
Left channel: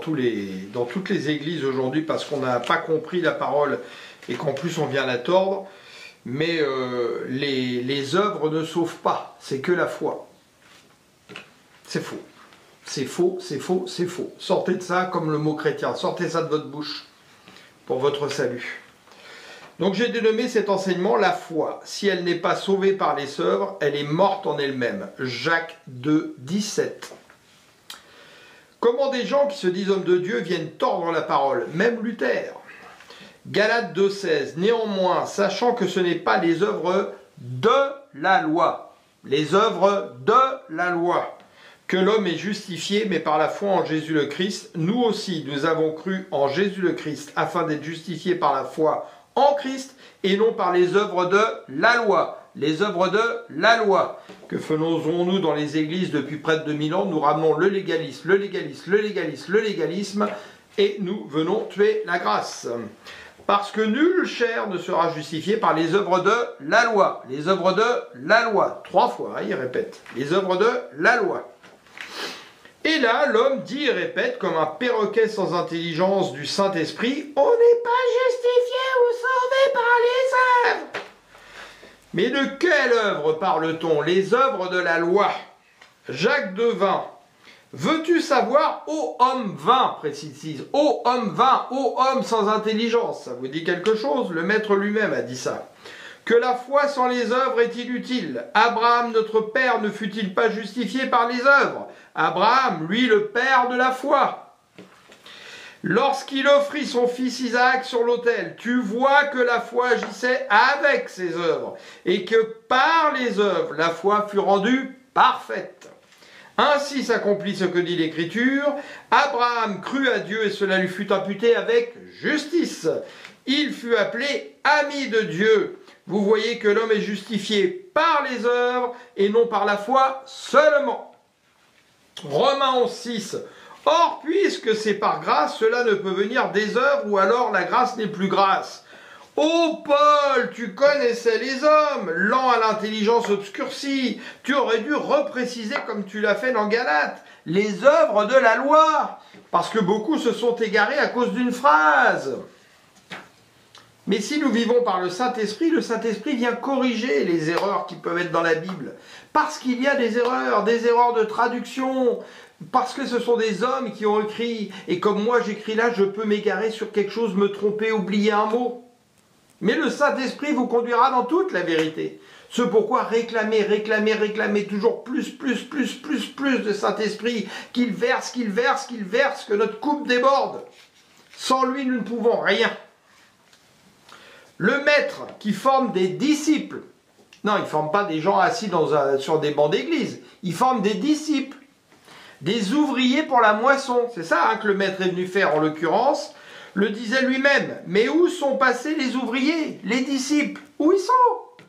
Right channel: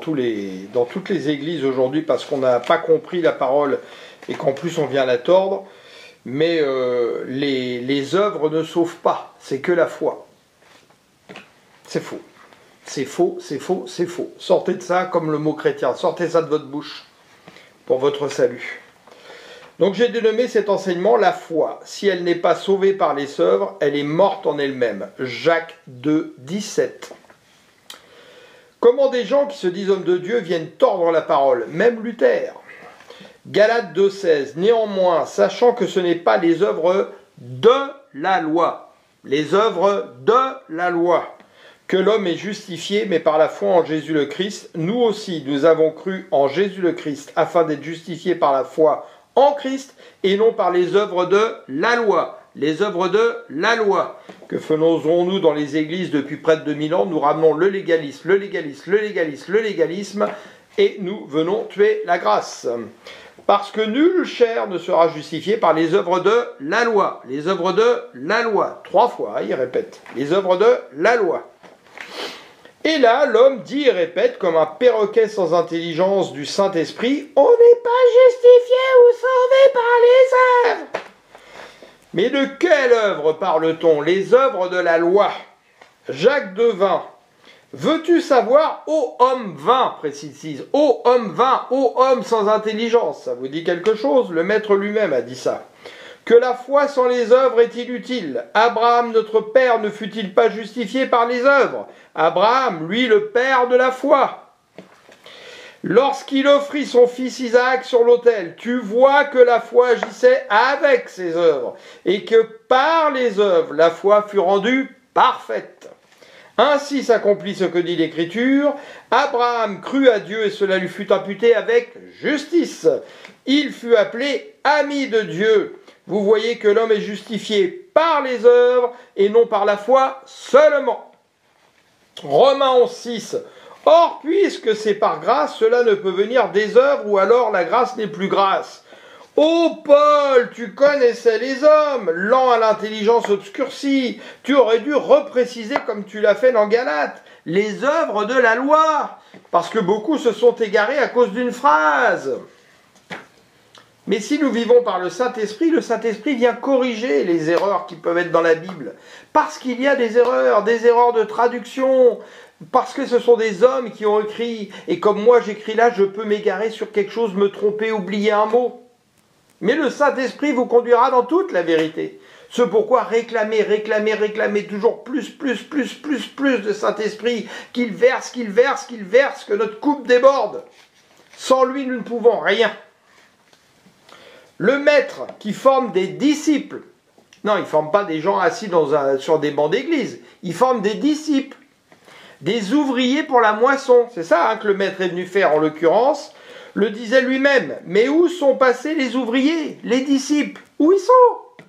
toutes les églises aujourd'hui, parce qu'on n'a pas compris la parole et qu'en plus on vient la tordre. Mais les œuvres ne sauvent pas, c'est que la foi. C'est faux. C'est faux, c'est faux, c'est faux. Sortez de ça comme le mot chrétien. Sortez ça de votre bouche pour votre salut. Donc j'ai dénommé cet enseignement la foi. Si elle n'est pas sauvée par les œuvres, elle est morte en elle-même. Jacques 2, 17. Comment des gens qui se disent hommes de Dieu viennent tordre la parole, même Luther. Galates 2, 16. Néanmoins, sachant que ce n'est pas les œuvres de la loi, les œuvres de la loi, que l'homme est justifié, mais par la foi en Jésus le Christ. Nous aussi, nous avons cru en Jésus le Christ, afin d'être justifiés par la foi en Christ, et non par les œuvres de la loi. Les œuvres de la loi. Que faisons-nous dans les églises depuis près de 2000 ans? Nous ramenons le légalisme, le légalisme, le légalisme, le légalisme, et nous venons tuer la grâce. Parce que nulle chair ne sera justifiée par les œuvres de la loi. Les œuvres de la loi. 3 fois, il répète. Les œuvres de la loi. Et là, l'homme dit et répète, comme un perroquet sans intelligence du Saint-Esprit, « On n'est pas justifié ou sauvé par les œuvres !» Mais de quelle œuvre parle-t-on? Les œuvres de la loi. Jacques 2, 20. Veux-tu savoir, ô homme vain, précise, ô homme vain, ô homme sans intelligence? Ça vous dit quelque chose? Le maître lui-même a dit ça. Que la foi sans les œuvres est inutile. Abraham, notre père, ne fut-il pas justifié par les œuvres? Abraham, lui, le père de la foi. Lorsqu'il offrit son fils Isaac sur l'autel, tu vois que la foi agissait avec ses œuvres, et que par les œuvres, la foi fut rendue parfaite. Ainsi s'accomplit ce que dit l'Écriture. Abraham crut à Dieu et cela lui fut imputé avec justice. Il fut appelé ami de Dieu. Vous voyez que l'homme est justifié par les œuvres et non par la foi seulement. Romains 11, 6. Or, puisque c'est par grâce, cela ne peut venir des œuvres ou alors la grâce n'est plus grâce. Ô Paul, tu connaissais les hommes, lents à l'intelligence obscurcie. Tu aurais dû repréciser comme tu l'as fait dans Galates, les œuvres de la loi, parce que beaucoup se sont égarés à cause d'une phrase. Mais si nous vivons par le Saint-Esprit vient corriger les erreurs qui peuvent être dans la Bible. Parce qu'il y a des erreurs de traduction, parce que ce sont des hommes qui ont écrit, et comme moi j'écris là, je peux m'égarer sur quelque chose, me tromper, oublier un mot. Mais le Saint-Esprit vous conduira dans toute la vérité. C'est pourquoi réclamez toujours plus de Saint-Esprit, qu'il verse, que notre coupe déborde. Sans lui, nous ne pouvons rien. Le maître qui forme des disciples, non, il ne forme pas des gens assis sur des bancs d'église, il forme des disciples, des ouvriers pour la moisson. C'est ça que le maître est venu faire en l'occurrence, le disait lui-même. Mais où sont passés les ouvriers, les disciples? Où ils sont?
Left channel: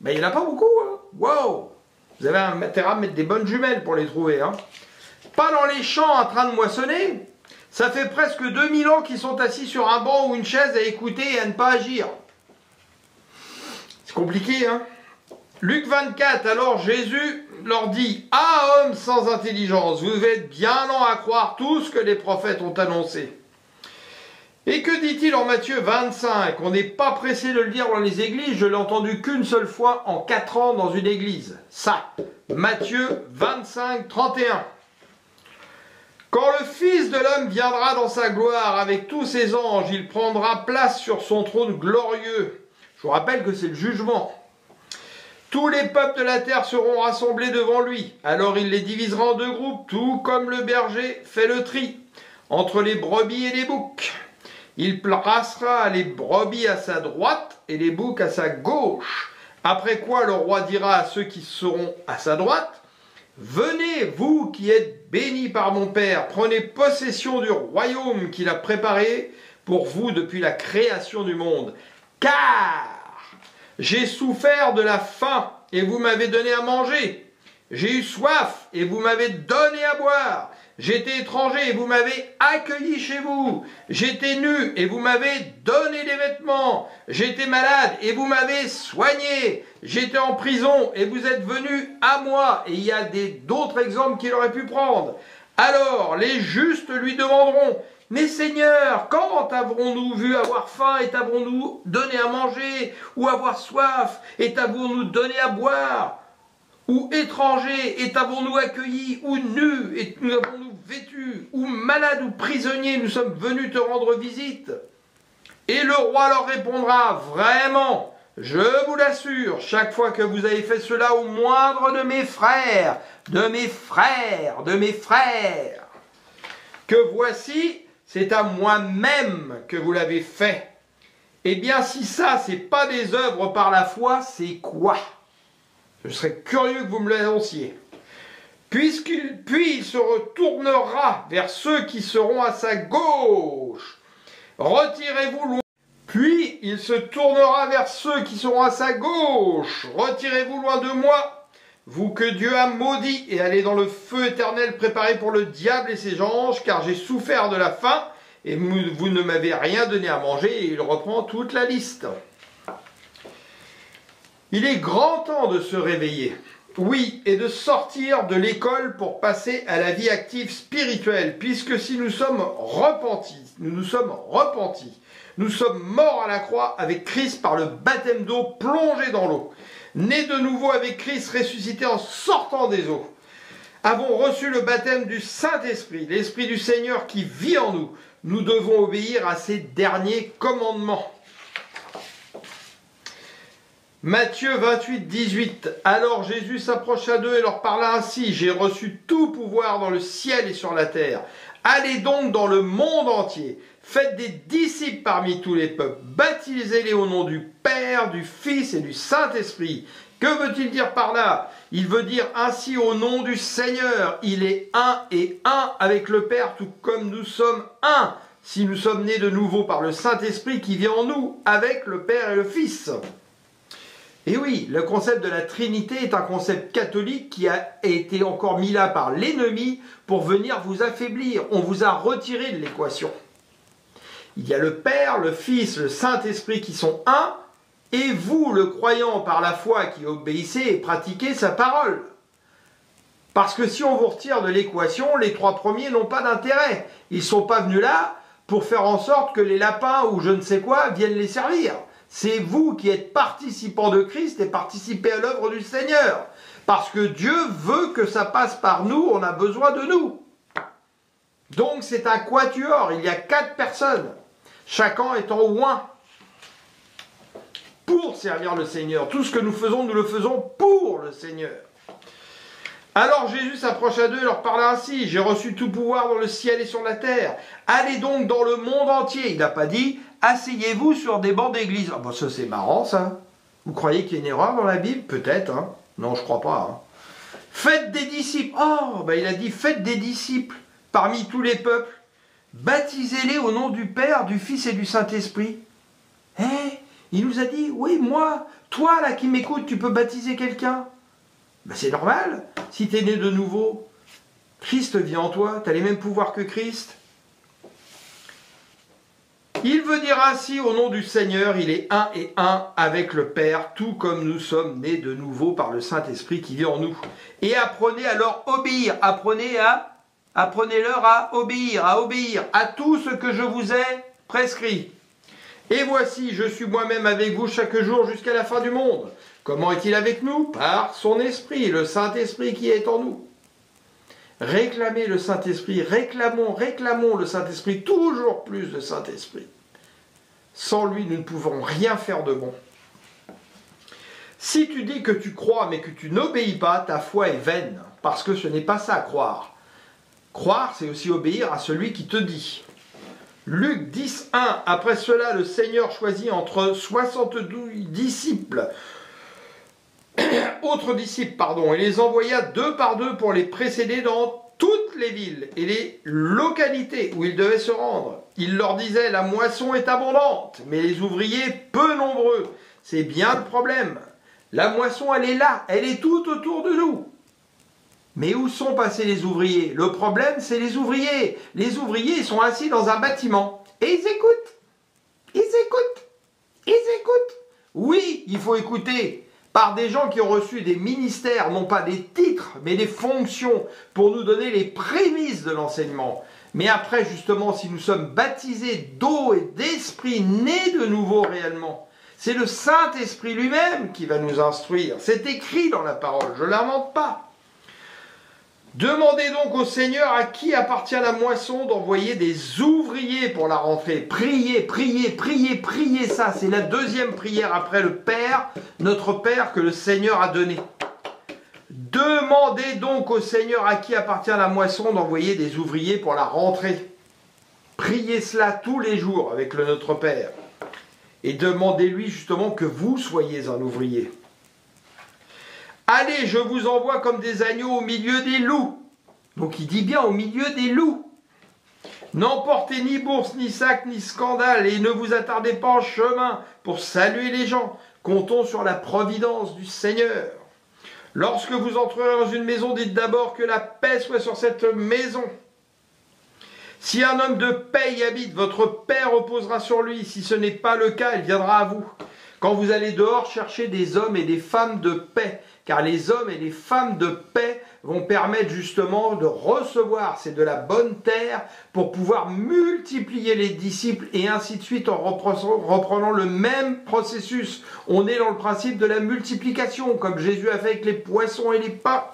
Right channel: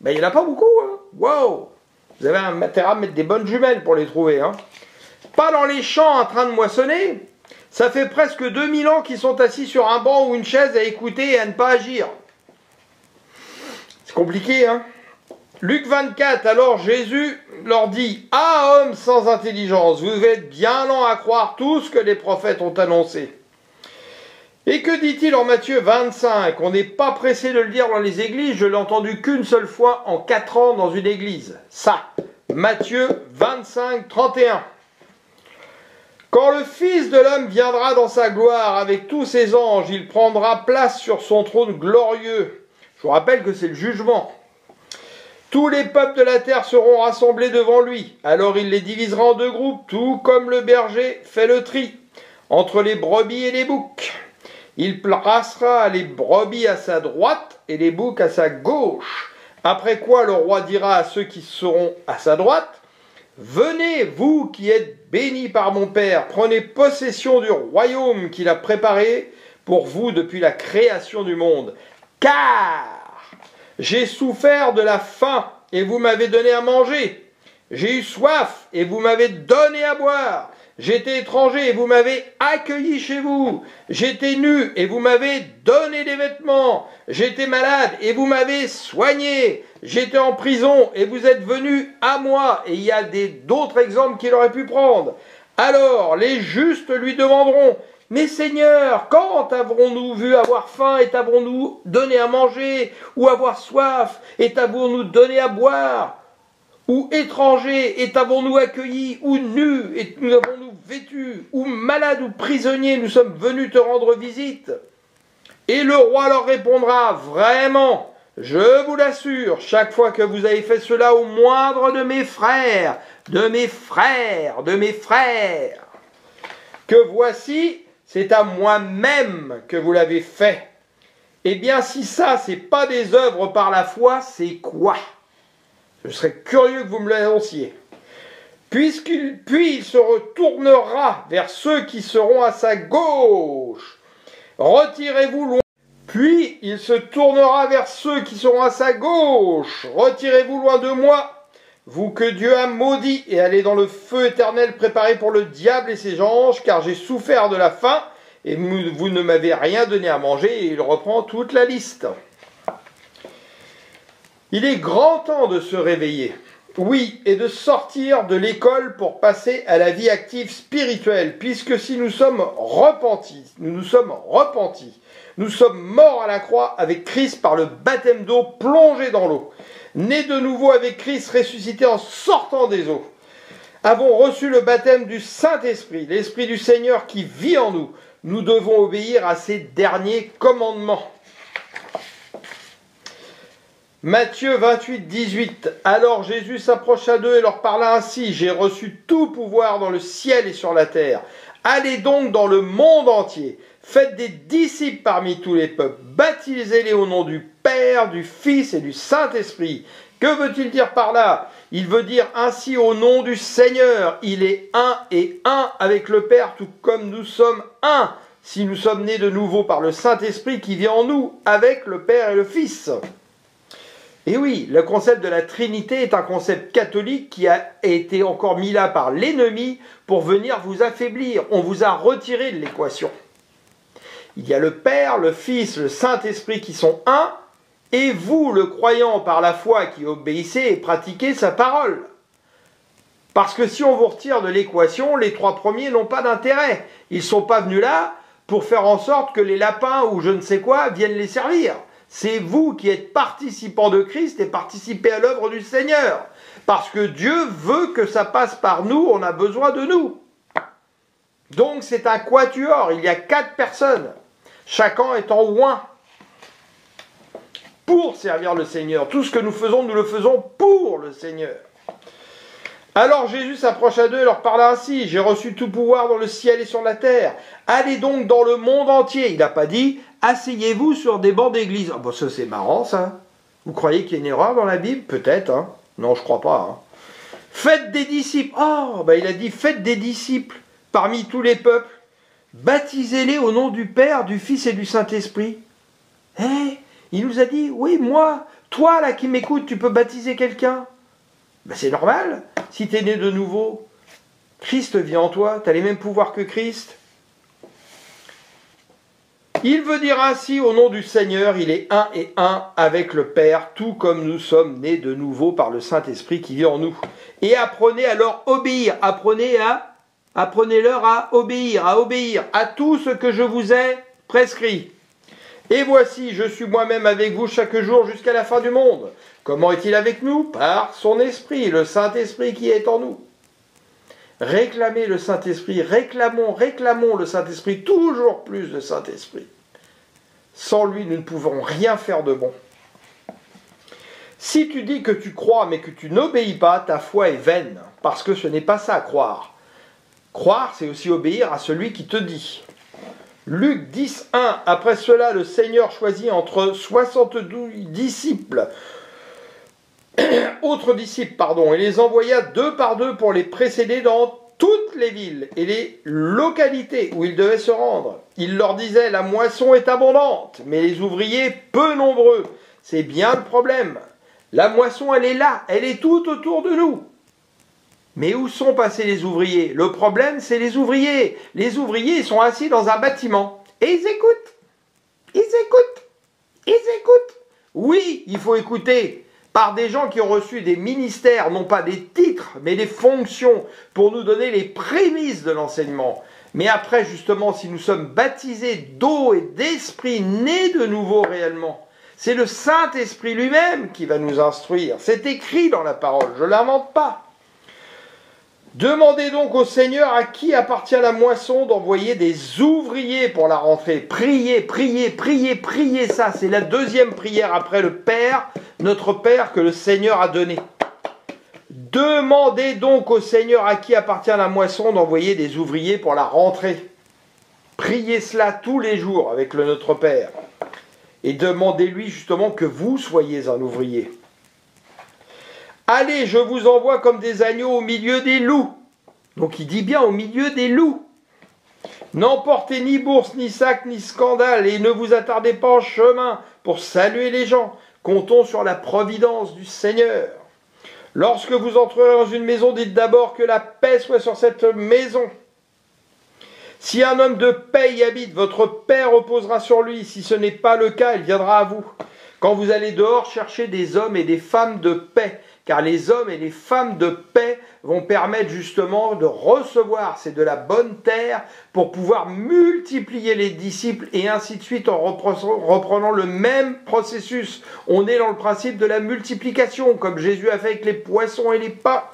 Ben, il n'y en a pas beaucoup. Hein. Wow. Vous avez intérêt à mettre des bonnes jumelles pour les trouver. Hein. Pas dans les champs en train de moissonner. Ça fait presque 2000 ans qu'ils sont assis sur un banc ou une chaise à écouter et à ne pas agir. C'est compliqué, hein? Luc 24, alors Jésus leur dit « Ah, hommes sans intelligence, vous êtes bien lents à croire tout ce que les prophètes ont annoncé. » Et que dit-il en Matthieu 25? On n'est pas pressé de le dire dans les églises, je l'ai entendu qu'une seule fois en 4 ans dans une église. Ça, Matthieu 25, 31. Quand le Fils de l'homme viendra dans sa gloire avec tous ses anges, il prendra place sur son trône glorieux. Je vous rappelle que c'est le jugement. Tous les peuples de la terre seront rassemblés devant lui. Alors il les divisera en 2 groupes, tout comme le berger fait le tri entre les brebis et les boucs. Il placera les brebis à sa droite et les boucs à sa gauche. Après quoi le roi dira à ceux qui seront à sa droite, « Venez, vous qui êtes bénis par mon Père, prenez possession du royaume qu'il a préparé pour vous depuis la création du monde. Car j'ai souffert de la faim et vous m'avez donné à manger. J'ai eu soif et vous m'avez donné à boire. J'étais étranger et vous m'avez accueilli chez vous. J'étais nu et vous m'avez donné des vêtements. J'étais malade et vous m'avez soigné. J'étais en prison et vous êtes venus à moi. » Et il y a d'autres exemples qu'il aurait pu prendre. Alors les justes lui demanderont, « Mais Seigneur, quand avons-nous vu avoir faim et t'avons-nous donné à manger, ou avoir soif et t'avons-nous donné à boire, ou étranger et t'avons-nous accueilli, ou nu et nous avons-nous vêtus, ou malade ou prisonnier, nous sommes venus te rendre visite ?» Et le roi leur répondra, « Vraiment, je vous l'assure, chaque fois que vous avez fait cela au moindre de mes frères, que voici, c'est à moi-même que vous l'avez fait. » Eh bien, si ça, c'est pas des œuvres par la foi, c'est quoi? Je serais curieux que vous me l'annonciez. Puis il se retournera vers ceux qui seront à sa gauche. Retirez-vous loin. Puis il se tournera vers ceux qui seront à sa gauche. Retirez-vous loin de moi, vous que Dieu a maudit, et allez dans le feu éternel préparé pour le diable et ses anges, car j'ai souffert de la faim, et vous ne m'avez rien donné à manger. Et il reprend toute la liste. Il est grand temps de se réveiller, oui, et de sortir de l'école pour passer à la vie active spirituelle, puisque si nous sommes repentis, nous sommes morts à la croix avec Christ par le baptême d'eau plongé dans l'eau, nés de nouveau avec Christ ressuscité en sortant des eaux, avons reçu le baptême du Saint-Esprit, l'Esprit du Seigneur qui vit en nous. Nous devons obéir à ces derniers commandements. Matthieu 28, 18. Alors Jésus s'approcha d'eux et leur parla ainsi. J'ai reçu tout pouvoir dans le ciel et sur la terre. Allez donc dans le monde entier. Faites des disciples parmi tous les peuples. Baptisez-les au nom du Père, du Fils et du Saint-Esprit. Que veut-il dire par là? Il veut dire ainsi au nom du Seigneur. Il est un et un avec le Père, tout comme nous sommes un. Si nous sommes nés de nouveau par le Saint-Esprit qui vit en nous, avec le Père et le Fils. Et oui, le concept de la Trinité est un concept catholique qui a été encore mis là par l'ennemi pour venir vous affaiblir. On vous a retiré de l'équation. Il y a le Père, le Fils, le Saint-Esprit qui sont un, et vous, le croyant par la foi qui obéissez et pratiquez sa parole. Parce que si on vous retire de l'équation, les 3 premiers n'ont pas d'intérêt. Ils ne sont pas venus là pour faire en sorte que les lapins ou je ne sais quoi viennent les servir. C'est vous qui êtes participants de Christ et participez à l'œuvre du Seigneur. Parce que Dieu veut que ça passe par nous, on a besoin de nous. Donc c'est un quatuor, il y a 4 personnes, chacun étant oint pour servir le Seigneur. Tout ce que nous le faisons pour le Seigneur. Alors Jésus s'approcha d'eux et leur parla ainsi, j'ai reçu tout pouvoir dans le ciel et sur la terre. Allez donc dans le monde entier. Il n'a pas dit, asseyez-vous sur des bancs d'église. Ah bon, ça c'est marrant ça. Vous croyez qu'il y a une erreur dans la Bible? Peut-être, hein. Non, je crois pas, hein. Faites des disciples. Oh, ben il a dit, faites des disciples parmi tous les peuples. Baptisez-les au nom du Père, du Fils et du Saint-Esprit. Il nous a dit, oui, moi, toi là qui m'écoutes, tu peux baptiser quelqu'un. Ben c'est normal, si tu es né de nouveau. Christ vit en toi, tu as les mêmes pouvoirs que Christ. Il veut dire ainsi, au nom du Seigneur, il est un et un avec le Père, tout comme nous sommes nés de nouveau par le Saint-Esprit qui vit en nous. Et apprenez à leur obéir, apprenez-leur à obéir à tout ce que je vous ai prescrit. Et voici, je suis moi-même avec vous chaque jour jusqu'à la fin du monde. Comment est-il avec nous? Par son Esprit, le Saint-Esprit qui est en nous. Réclamez le Saint-Esprit, réclamons le Saint-Esprit, toujours plus de Saint-Esprit. Sans lui, nous ne pouvons rien faire de bon. Si tu dis que tu crois mais que tu n'obéis pas, ta foi est vaine, parce que ce n'est pas ça, croire. Croire, c'est aussi obéir à celui qui te dit. Luc 10, 1. Après cela, le Seigneur choisit entre 72 disciples, autres disciples, et les envoya deux par deux pour les précéder dans toutes les villes et les localités où ils devaient se rendre. Il leur disait, la moisson est abondante, mais les ouvriers peu nombreux. C'est bien le problème. La moisson, elle est là, elle est tout autour de nous. Mais où sont passés les ouvriers? Le problème, c'est les ouvriers. Les ouvriers, ils sont assis dans un bâtiment. Et ils écoutent. Oui, il faut écouter par des gens qui ont reçu des ministères, non pas des titres, mais des fonctions, pour nous donner les prémices de l'enseignement. Mais après, justement, si nous sommes baptisés d'eau et d'esprit, nés de nouveau réellement, c'est le Saint-Esprit lui-même qui va nous instruire. C'est écrit dans la parole, je ne l'invente pas. Demandez donc au Seigneur à qui appartient la moisson d'envoyer des ouvriers pour la rentrée. Priez, ça c'est la deuxième prière après le Père, notre Père que le Seigneur a donné. Demandez donc au Seigneur à qui appartient la moisson d'envoyer des ouvriers pour la rentrée. Priez cela tous les jours avec le Notre Père. Et demandez-lui justement que vous soyez un ouvrier. Allez, je vous envoie comme des agneaux au milieu des loups. Donc il dit bien au milieu des loups. N'emportez ni bourse, ni sac, ni scandale, et ne vous attardez pas en chemin pour saluer les gens. Comptons sur la providence du Seigneur. Lorsque vous entrerez dans une maison, dites d'abord que la paix soit sur cette maison. Si un homme de paix y habite, votre paix reposera sur lui. Si ce n'est pas le cas, il viendra à vous. Quand vous allez dehors, cherchez des hommes et des femmes de paix, car les hommes et les femmes de paix vont permettre justement de recevoir, c'est de la bonne terre, pour pouvoir multiplier les disciples et ainsi de suite en reprenant le même processus. On est dans le principe de la multiplication, comme Jésus a fait avec les poissons et les pains.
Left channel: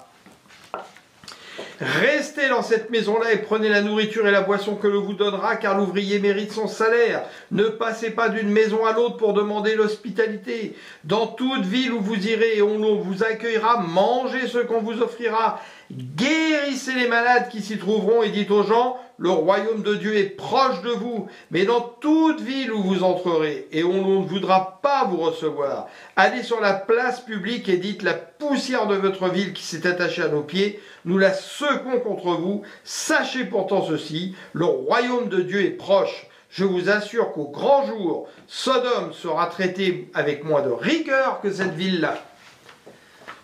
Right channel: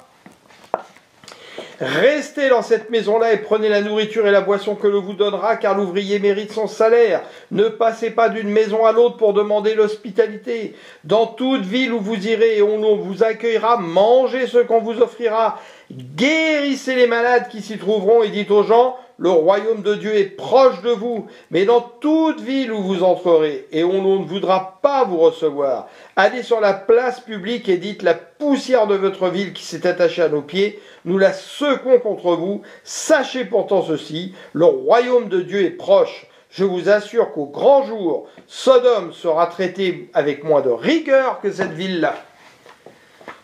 Restez dans cette maison-là et prenez la nourriture et la boisson que l'on vous donnera, car l'ouvrier mérite son salaire. Ne passez pas d'une maison à l'autre pour demander l'hospitalité. Dans toute ville où vous irez et on vous accueillera, mangez ce qu'on vous offrira. Guérissez les malades qui s'y trouveront et dites aux gens, le royaume de Dieu est proche de vous. Mais dans toute ville où vous entrerez et on ne voudra pas vous recevoir, allez sur la place publique et dites, la poussière de votre ville qui s'est attachée à nos pieds, nous la secouons contre vous. Sachez pourtant ceci, le royaume de Dieu est proche. Je vous assure qu'au grand jour, Sodome sera traitée avec moins de rigueur que cette ville-là.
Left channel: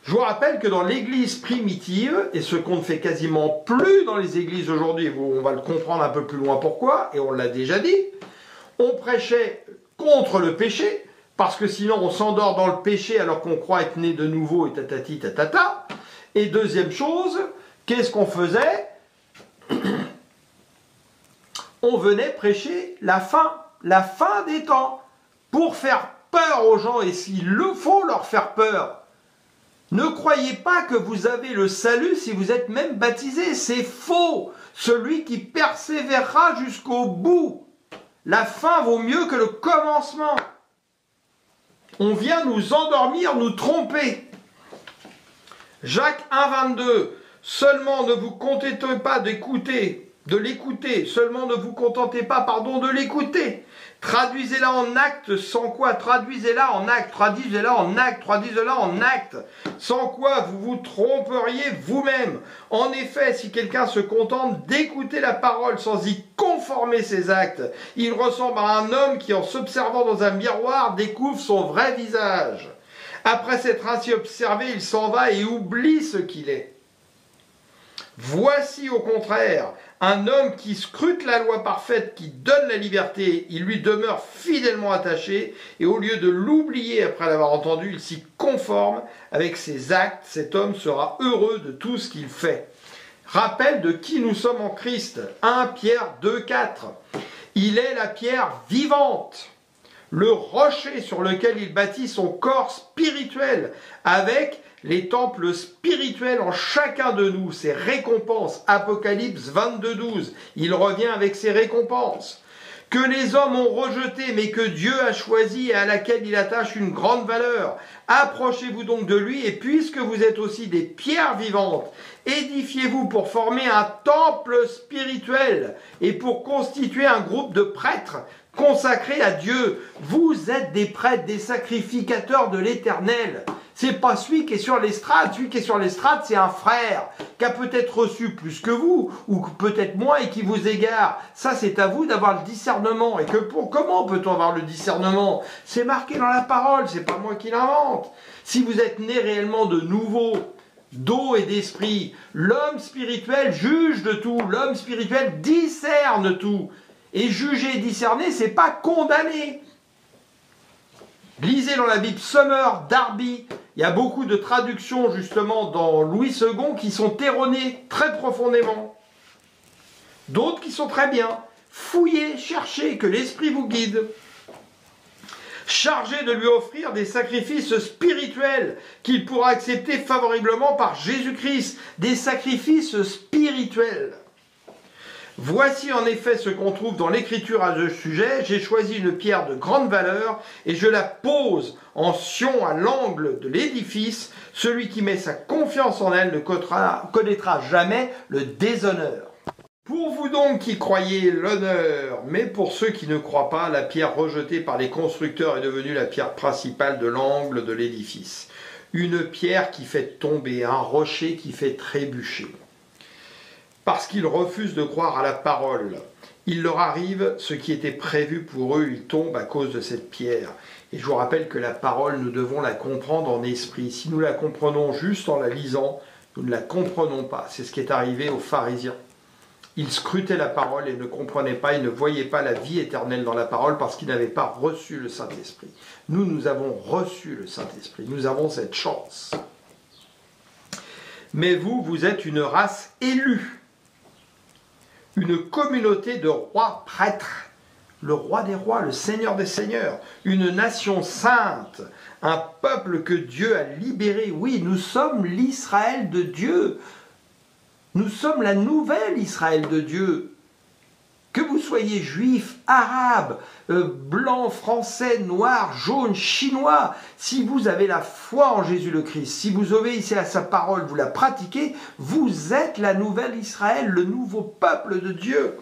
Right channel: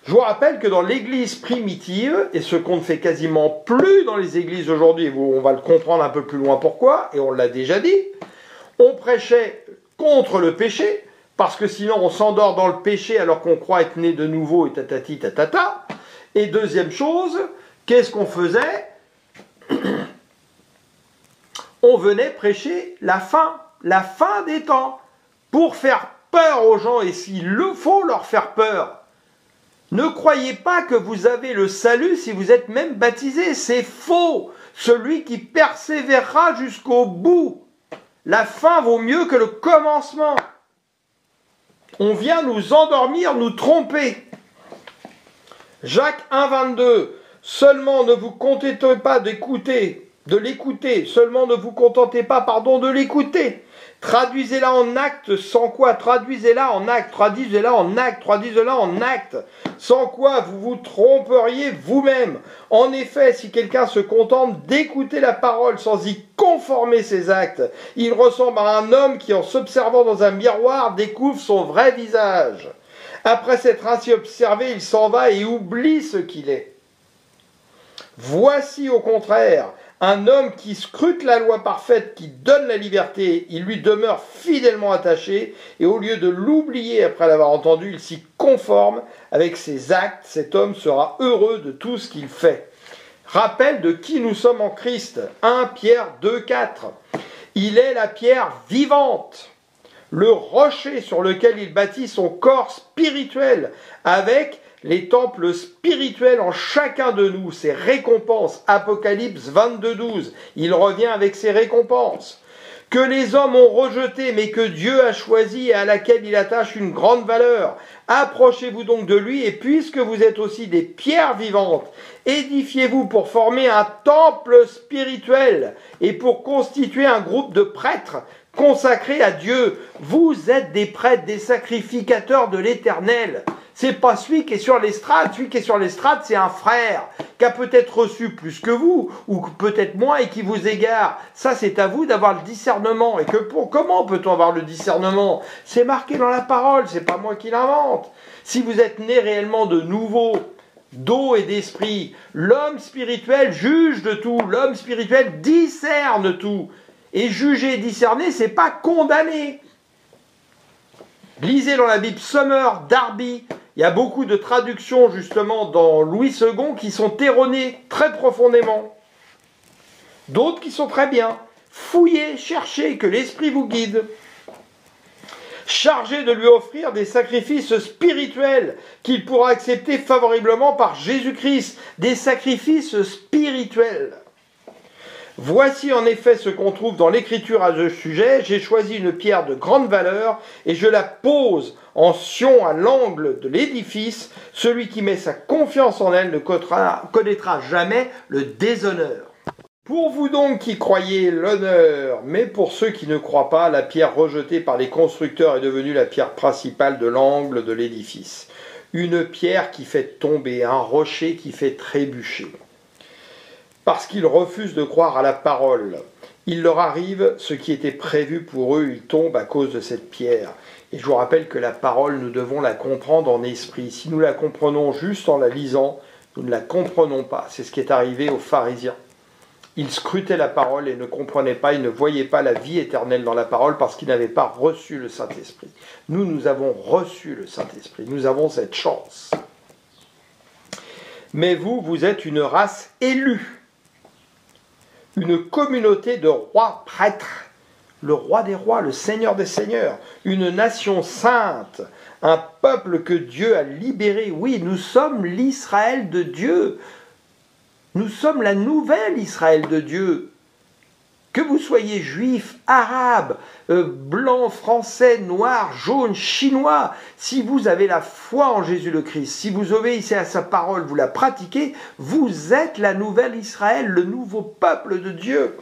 Je vous rappelle que dans l'église primitive, et ce qu'on ne fait quasiment plus dans les églises aujourd'hui, on va le comprendre un peu plus loin pourquoi, et on l'a déjà dit, on prêchait contre le péché, parce que sinon on s'endort dans le péché alors qu'on croit être né de nouveau et tatati tatata. Et deuxième chose, qu'est-ce qu'on faisait? On venait prêcher la fin des temps, pour faire peur aux gens, et s'il le faut leur faire peur. Ne croyez pas que vous avez le salut si vous êtes même baptisé, c'est faux. Celui qui persévérera jusqu'au bout. La fin vaut mieux que le commencement. On vient nous endormir, nous tromper. Jacques 1, 22. Seulement ne vous contentez pas de l'écouter, seulement ne vous contentez pas, de l'écouter. Traduisez-la en acte, sans quoi traduisez-la en acte, sans quoi vous vous tromperiez vous-même. En effet, si quelqu'un se contente d'écouter la parole sans y conformer ses actes, il ressemble à un homme qui, en s'observant dans un miroir, découvre son vrai visage. Après s'être ainsi observé, il s'en va et oublie ce qu'il est. Voici au contraire un homme qui scrute la loi parfaite, qui donne la liberté, il lui demeure fidèlement attaché, et au lieu de l'oublier après l'avoir entendu, il s'y conforme avec ses actes. Cet homme sera heureux de tout ce qu'il fait. Rappel de qui nous sommes en Christ. 1 Pierre 2, 4. Il est la pierre vivante, le rocher sur lequel il bâtit son corps spirituel, avec les temples spirituels en chacun de nous, ses récompenses. Apocalypse 22, 12. Il revient avec ses récompenses. Que les hommes ont rejeté, mais que Dieu a choisi et à laquelle il attache une grande valeur. Approchez-vous donc de lui, et puisque vous êtes aussi des pierres vivantes, édifiez-vous pour former un temple spirituel et pour constituer un groupe de prêtres consacrés à Dieu. Vous êtes des prêtres, des sacrificateurs de l'Éternel. C'est pas celui qui est sur l'estrade. Celui qui est sur l'estrade, c'est un frère qui a peut-être reçu plus que vous, ou peut-être moins, et qui vous égare. Ça, c'est à vous d'avoir le discernement. Et comment peut-on avoir le discernement? C'est marqué dans la parole, c'est pas moi qui l'invente. Si vous êtes né réellement de nouveau, d'eau et d'esprit, l'homme spirituel juge de tout, l'homme spirituel discerne tout. Et juger et discerner, c'est pas condamner. Lisez dans la Bible Summer, Darby. Il y a beaucoup de traductions justement dans Louis II qui sont erronées très profondément. D'autres qui sont très bien. Fouillez, cherchez, que l'Esprit vous guide. Chargé de lui offrir des sacrifices spirituels qu'il pourra accepter favorablement par Jésus-Christ. Des sacrifices spirituels. Voici en effet ce qu'on trouve dans l'Écriture à ce sujet. J'ai choisi une pierre de grande valeur et je la pose en sion à l'angle de l'édifice. Celui qui met sa confiance en elle ne connaîtra jamais le déshonneur. Pour vous donc qui croyez l'honneur, mais pour ceux qui ne croient pas, la pierre rejetée par les constructeurs est devenue la pierre principale de l'angle de l'édifice. Une pierre qui fait tomber, un rocher qui fait trébucher. Parce qu'ils refusent de croire à la parole. Il leur arrive ce qui était prévu pour eux, ils tombent à cause de cette pierre. Et je vous rappelle que la parole, nous devons la comprendre en esprit. Si nous la comprenons juste en la lisant, nous ne la comprenons pas. C'est ce qui est arrivé aux pharisiens. Ils scrutaient la parole et ne comprenaient pas, ils ne voyaient pas la vie éternelle dans la parole parce qu'ils n'avaient pas reçu le Saint-Esprit. Nous avons reçu le Saint-Esprit, nous avons cette chance. Mais vous êtes une race élue. Une communauté de rois prêtres, le roi des rois, le seigneur des seigneurs, une nation sainte, un peuple que Dieu a libéré. Oui, nous sommes l'Israël de Dieu. Nous sommes la nouvelle Israël de Dieu. Que vous soyez juif, arabe, blanc, français, noir, jaune, chinois, si vous avez la foi en Jésus le Christ, si vous obéissez à sa parole, vous la pratiquez, vous êtes la nouvelle Israël, le nouveau peuple de Dieu.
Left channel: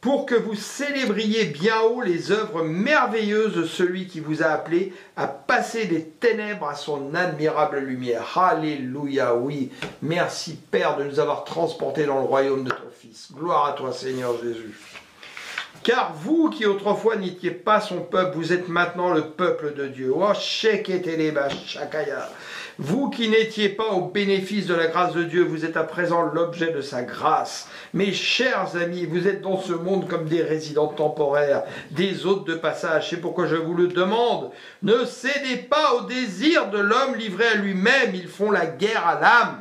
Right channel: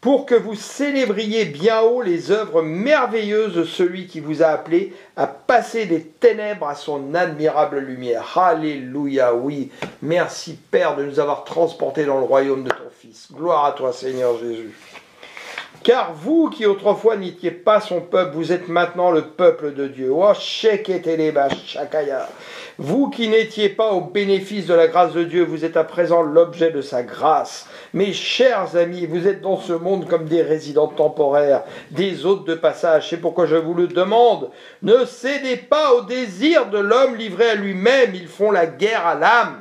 Pour que vous célébriez bien haut les œuvres merveilleuses de celui qui vous a appelé à passer des ténèbres à son admirable lumière. Alléluia, oui. Merci Père de nous avoir transportés dans le royaume de ton Fils. Gloire à toi Seigneur Jésus. Car vous qui autrefois n'étiez pas son peuple, vous êtes maintenant le peuple de Dieu. Oh, Sheketeleba Shakaya. Vous qui n'étiez pas au bénéfice de la grâce de Dieu, vous êtes à présent l'objet de sa grâce. Mes chers amis, vous êtes dans ce monde comme des résidents temporaires, des hôtes de passage. C'est pourquoi je vous le demande. Ne cédez pas au désir de l'homme livré à lui-même. Ils font la guerre à l'âme.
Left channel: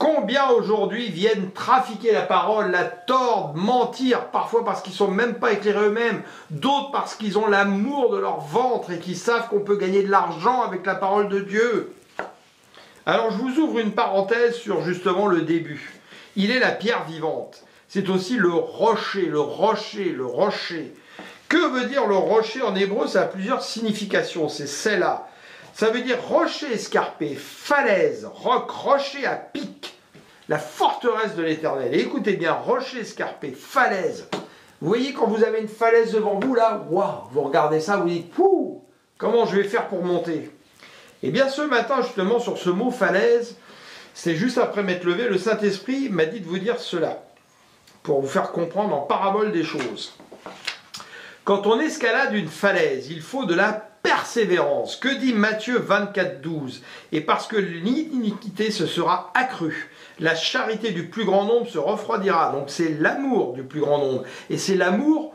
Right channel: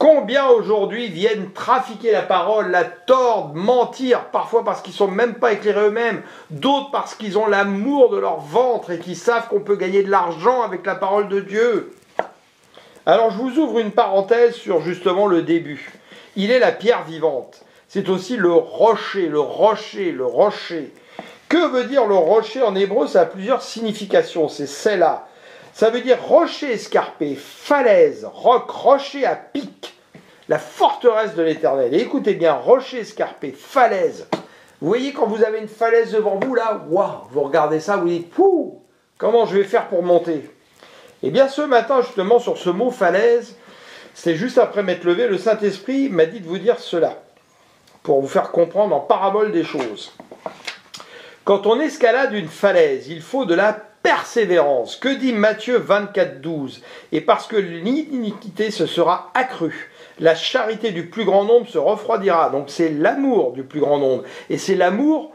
Combien aujourd'hui viennent trafiquer la parole, la tordre, mentir, parfois parce qu'ils ne sont même pas éclairés eux-mêmes, d'autres parce qu'ils ont l'amour de leur ventre et qu'ils savent qu'on peut gagner de l'argent avec la parole de Dieu. Alors je vous ouvre une parenthèse sur justement le début. Il est la pierre vivante. C'est aussi le rocher, le rocher, le rocher. Que veut dire le rocher en hébreu? Ça a plusieurs significations, c'est celle-là. Ça veut dire rocher escarpé, falaise, roc, rocher à pic, la forteresse de l'Éternel. Et écoutez bien, rocher escarpé, falaise. Vous voyez quand vous avez une falaise devant vous, là, waouh, vous regardez ça, vous dites, pouh, comment je vais faire pour monter? Eh bien, ce matin, justement, sur ce mot falaise, c'est juste après m'être levé, le Saint-Esprit m'a dit de vous dire cela, pour vous faire comprendre en parabole des choses. Quand on escalade une falaise, il faut de la persévérance. Que dit Matthieu 24, 12? Et parce que l'iniquité se sera accrue, la charité du plus grand nombre se refroidira. Donc c'est l'amour du plus grand nombre. Et c'est l'amour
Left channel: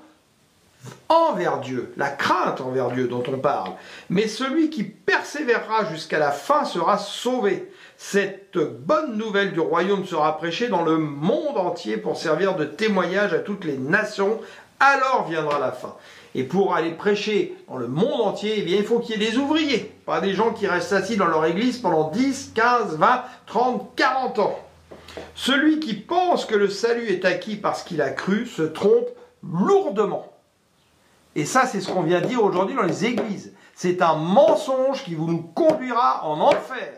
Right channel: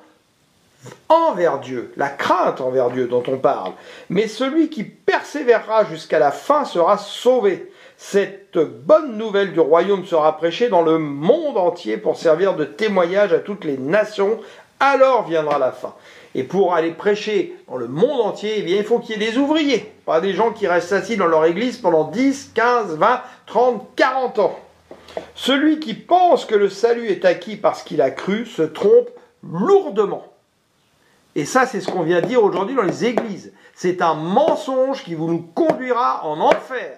envers Dieu, la crainte envers Dieu dont on parle. Mais celui qui persévérera jusqu'à la fin sera sauvé. Cette bonne nouvelle du royaume sera prêchée dans le monde entier pour servir de témoignage à toutes les nations. Alors viendra la fin. Et pour aller prêcher dans le monde entier, eh bien, il faut qu'il y ait des ouvriers, pas des gens qui restent assis dans leur église pendant 10, 15, 20, 30, 40 ans. Celui qui pense que le salut est acquis parce qu'il a cru se trompe lourdement. Et ça, c'est ce qu'on vient dire aujourd'hui dans les églises. C'est un mensonge qui nous conduira en enfer.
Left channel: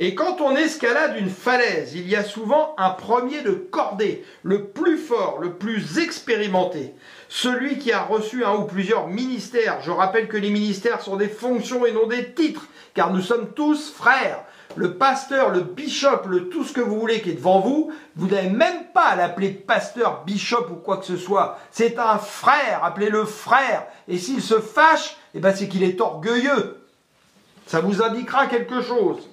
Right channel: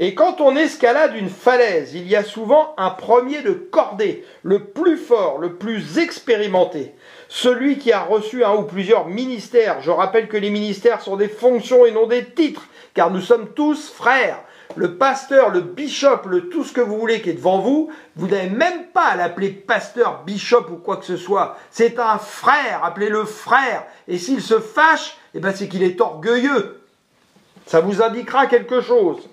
Et quand on escalade une falaise, il y a souvent un premier de cordée, le plus fort, le plus expérimenté, celui qui a reçu un ou plusieurs ministères. Je rappelle que les ministères sont des fonctions et non des titres, car nous sommes tous frères. Le pasteur, le bishop, le tout ce que vous voulez qui est devant vous, vous n'avez même pas à l'appeler pasteur, bishop ou quoi que ce soit. C'est un frère, appelez-le frère. Et s'il se fâche, eh ben c'est qu'il est orgueilleux. Ça vous indiquera quelque chose.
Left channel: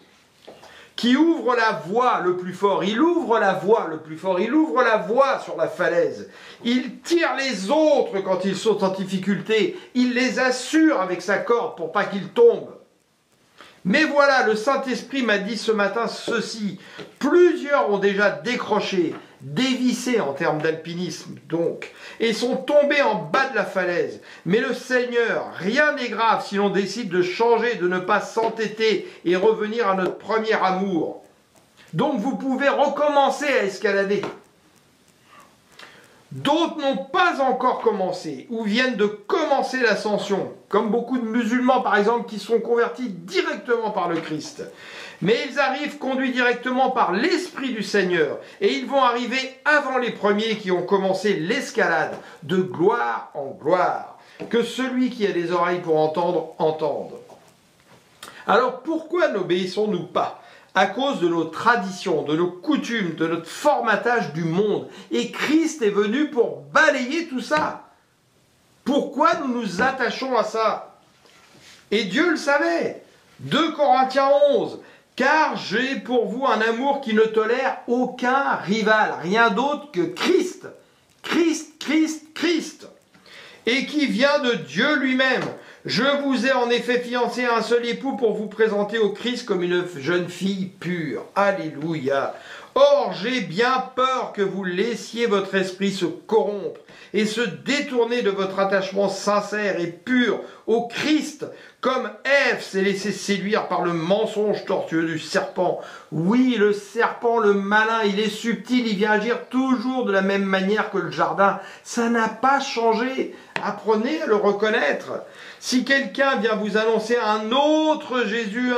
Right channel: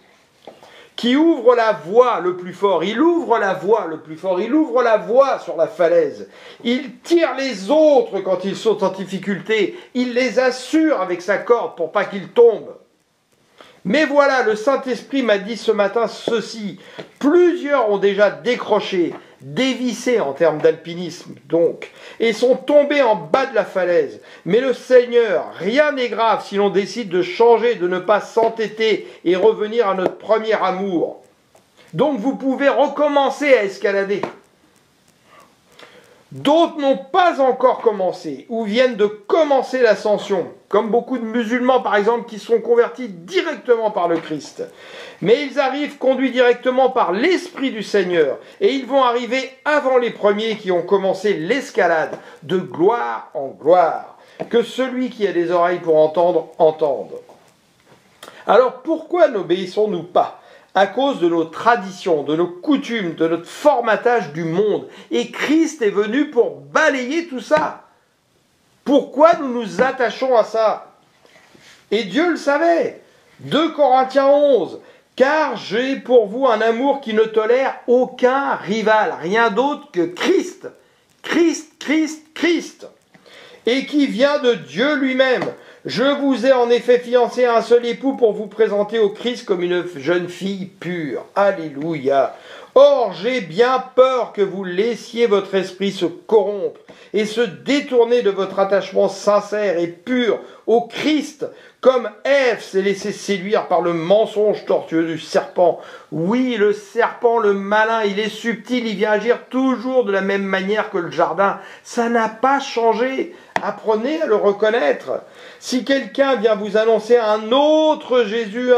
Qui ouvre la voie le plus fort, il ouvre la voie le plus fort, il ouvre la voie sur la falaise, il tire les autres quand ils sont en difficulté, il les assure avec sa corde pour pas qu'ils tombent. Mais voilà, le Saint-Esprit m'a dit ce matin ceci, plusieurs ont déjà décroché, dévissé en termes d'alpinisme donc, et sont tombés en bas de la falaise. Mais le Seigneur, rien n'est grave si l'on décide de changer, de ne pas s'entêter et revenir à notre premier amour. Donc vous pouvez recommencer à escalader. D'autres n'ont pas encore commencé ou viennent de commencer l'ascension, comme beaucoup de musulmans par exemple qui sont convertis directement par le Christ. Mais ils arrivent conduits directement par l'Esprit du Seigneur et ils vont arriver avant les premiers qui ont commencé l'escalade de gloire en gloire. Que celui qui a des oreilles pour entendre, entende. Alors pourquoi n'obéissons-nous pas ? À cause de nos traditions, de nos coutumes, de notre formatage du monde. Et Christ est venu pour balayer tout ça. Pourquoi nous nous attachons à ça? Et Dieu le savait. 2 Corinthiens 11. Car j'ai pour vous un amour qui ne tolère aucun rival, rien d'autre que Christ. Christ, Christ, Christ. Et qui vient de Dieu lui-même. Je vous ai en effet fiancé à un seul époux pour vous présenter au Christ comme une jeune fille pure. Alléluia. Or, j'ai bien peur que vous laissiez votre esprit se corrompre et se détourner de votre attachement sincère et pur au Christ, comme Ève s'est laissée séduire par le mensonge tortueux du serpent. Oui, le serpent, le malin, il est subtil, il vient agir toujours de la même manière que le jardin. Ça n'a pas changé. Apprenez à le reconnaître. Si quelqu'un vient vous annoncer un autre Jésus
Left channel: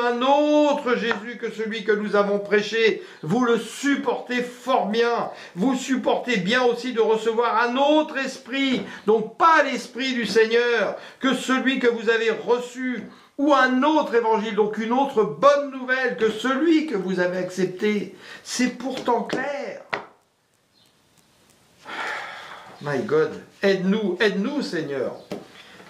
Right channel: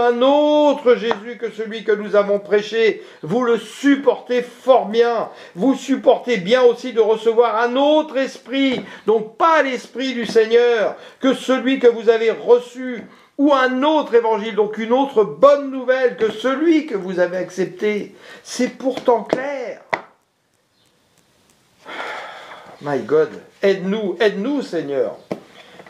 que celui que nous avons prêché, vous le supportez fort bien. Vous supportez bien aussi de recevoir un autre esprit, donc pas l'esprit du Seigneur, que celui que vous avez reçu, ou un autre évangile, donc une autre bonne nouvelle que celui que vous avez accepté. C'est pourtant clair. My God, aide-nous Seigneur.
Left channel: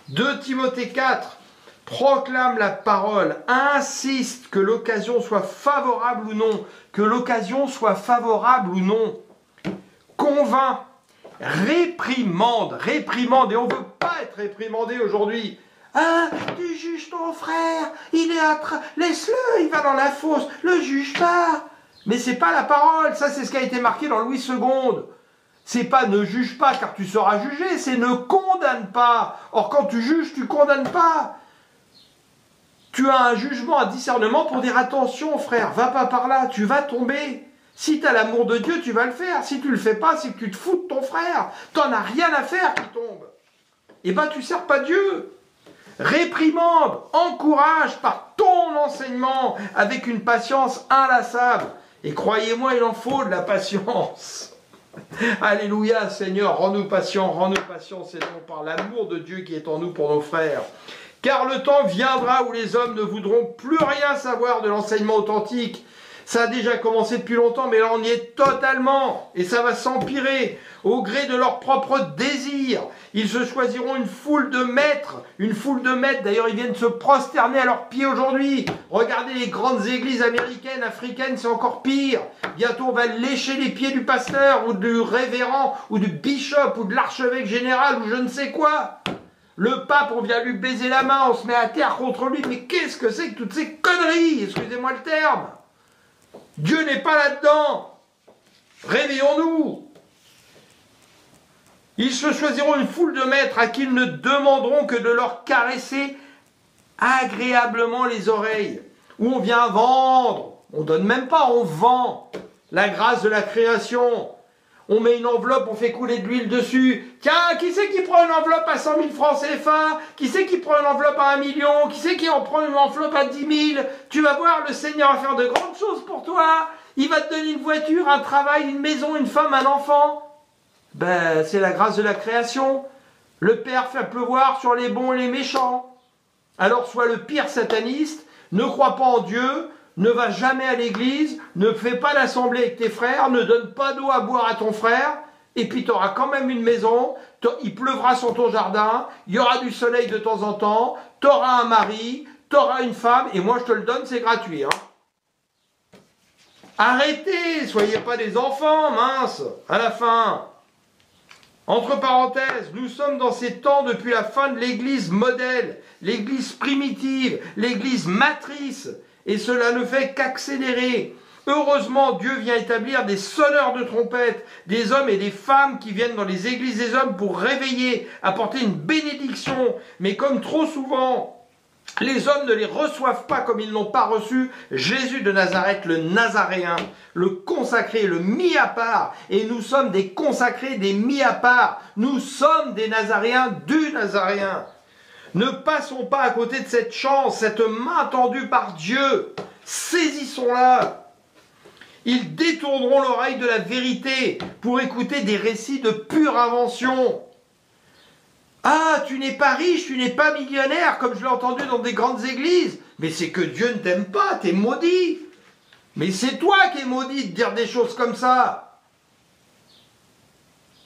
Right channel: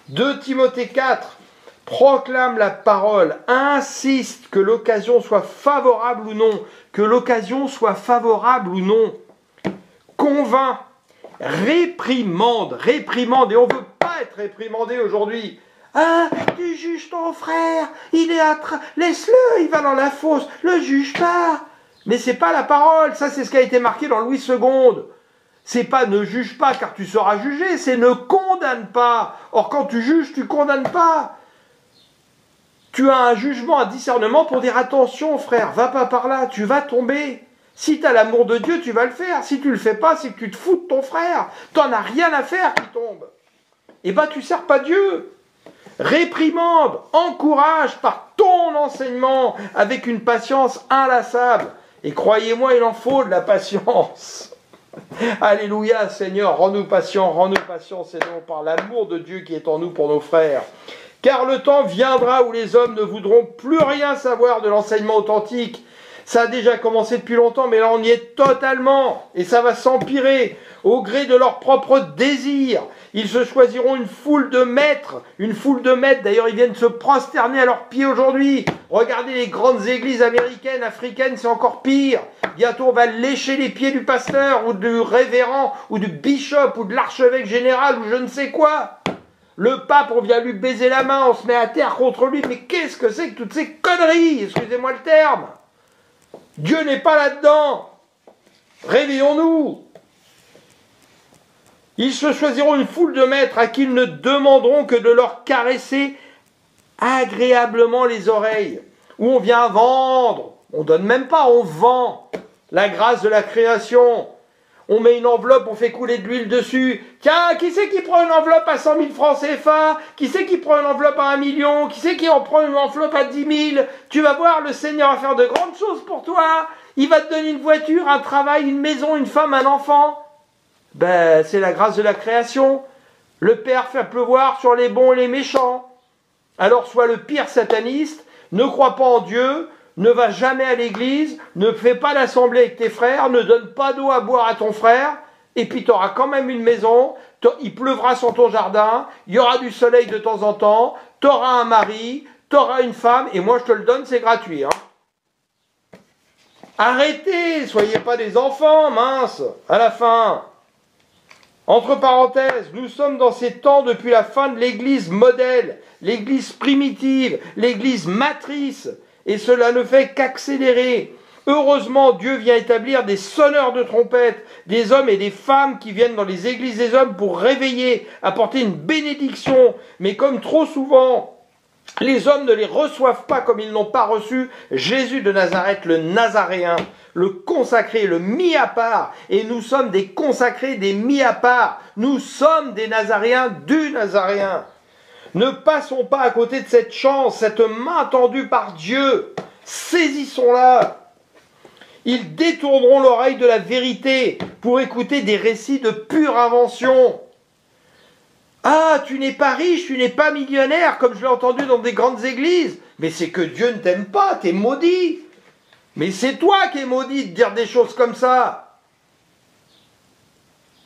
2 Timothée 4, proclame la parole, insiste que l'occasion soit favorable ou non, convainc, réprimande, et on ne veut pas être réprimandé aujourd'hui. Ah, tu juges ton frère, laisse-le, il va dans la fosse, le juge pas. Mais c'est pas la parole, ça c'est ce qui a été marqué dans Louis II. C'est pas ne juge pas car tu seras jugé, c'est ne condamne pas. Or quand tu juges, tu condamnes pas. Tu as un jugement, un discernement pour dire attention frère, va pas par là, tu vas tomber. Si tu as l'amour de Dieu, tu vas le faire. Si tu le fais pas, c'est que tu te fous de ton frère. T'en as rien à faire qu'il tombe. Eh ben tu sers pas Dieu. Réprimande, encourage par ton enseignement avec une patience inlassable. Et croyez-moi, il en faut de la patience. Alléluia, Seigneur, rends-nous patients, Seigneur, par l'amour de Dieu qui est en nous pour nos frères. Car le temps viendra où les hommes ne voudront plus rien savoir de l'enseignement authentique. Ça a déjà commencé depuis longtemps, mais là on y est totalement. Et ça va s'empirer au gré de leurs propres désirs. Ils se choisiront une foule de maîtres. D'ailleurs, ils viennent se prosterner à leurs pieds aujourd'hui. Regardez les grandes églises américaines, africaines, c'est encore pire. Bientôt, on va lécher les pieds du pasteur, ou du révérend, ou du bishop, ou de l'archevêque général, ou je ne sais quoi. Le pape, on vient lui baiser la main, on se met à terre contre lui. Mais qu'est-ce que c'est que toutes ces conneries? Excusez-moi le terme. Dieu n'est pas là-dedans. Réveillons-nous. Ils se choisiront une foule de maîtres à qui ils ne demanderont que de leur caresser agréablement les oreilles. Où on vient vendre. On donne même pas, on vend la grâce de la création. On met une enveloppe, on fait couler de l'huile dessus. Tiens, qui c'est qui prend une enveloppe à 100 000 francs CFA? Qui c'est qui prend une enveloppe à 1 million? Qui c'est qui en prend une enveloppe à 10 000? Tu vas voir, le Seigneur va faire de grandes choses pour toi. Il va te donner une voiture, un travail, une maison, une femme, un enfant. Ben, c'est la grâce de la création. Le Père fait pleuvoir sur les bons et les méchants. Alors sois le pire sataniste, ne crois pas en Dieu, ne va jamais à l'église, ne fais pas l'assemblée avec tes frères, ne donne pas d'eau à boire à ton frère, et puis tu auras quand même une maison, il pleuvra sur ton jardin, il y aura du soleil de temps en temps, tu auras un mari, tu auras une femme, et moi je te le donne, c'est gratuit. Arrêtez, soyez pas des enfants, mince, à la fin. Entre parenthèses, nous sommes dans ces temps depuis la fin de l'église modèle, l'église primitive, l'église matrice, et cela ne fait qu'accélérer. Heureusement, Dieu vient établir des sonneurs de trompette, des hommes et des femmes qui viennent dans les églises des hommes pour réveiller, apporter une bénédiction. Mais comme trop souvent, les hommes ne les reçoivent pas comme ils n'ont pas reçu Jésus de Nazareth, le Nazaréen, le consacré, le mis à part. Et nous sommes des consacrés, des mis à part. Nous sommes des Nazaréens du Nazaréen. Ne passons pas à côté de cette chance, cette main tendue par Dieu. Saisissons-la. Ils détourneront l'oreille de la vérité pour écouter des récits de pure invention. Ah, tu n'es pas riche, tu n'es pas millionnaire, comme je l'ai entendu dans des grandes églises. Mais c'est que Dieu ne t'aime pas, t'es maudit. Mais c'est toi qui es maudit de dire des choses comme ça.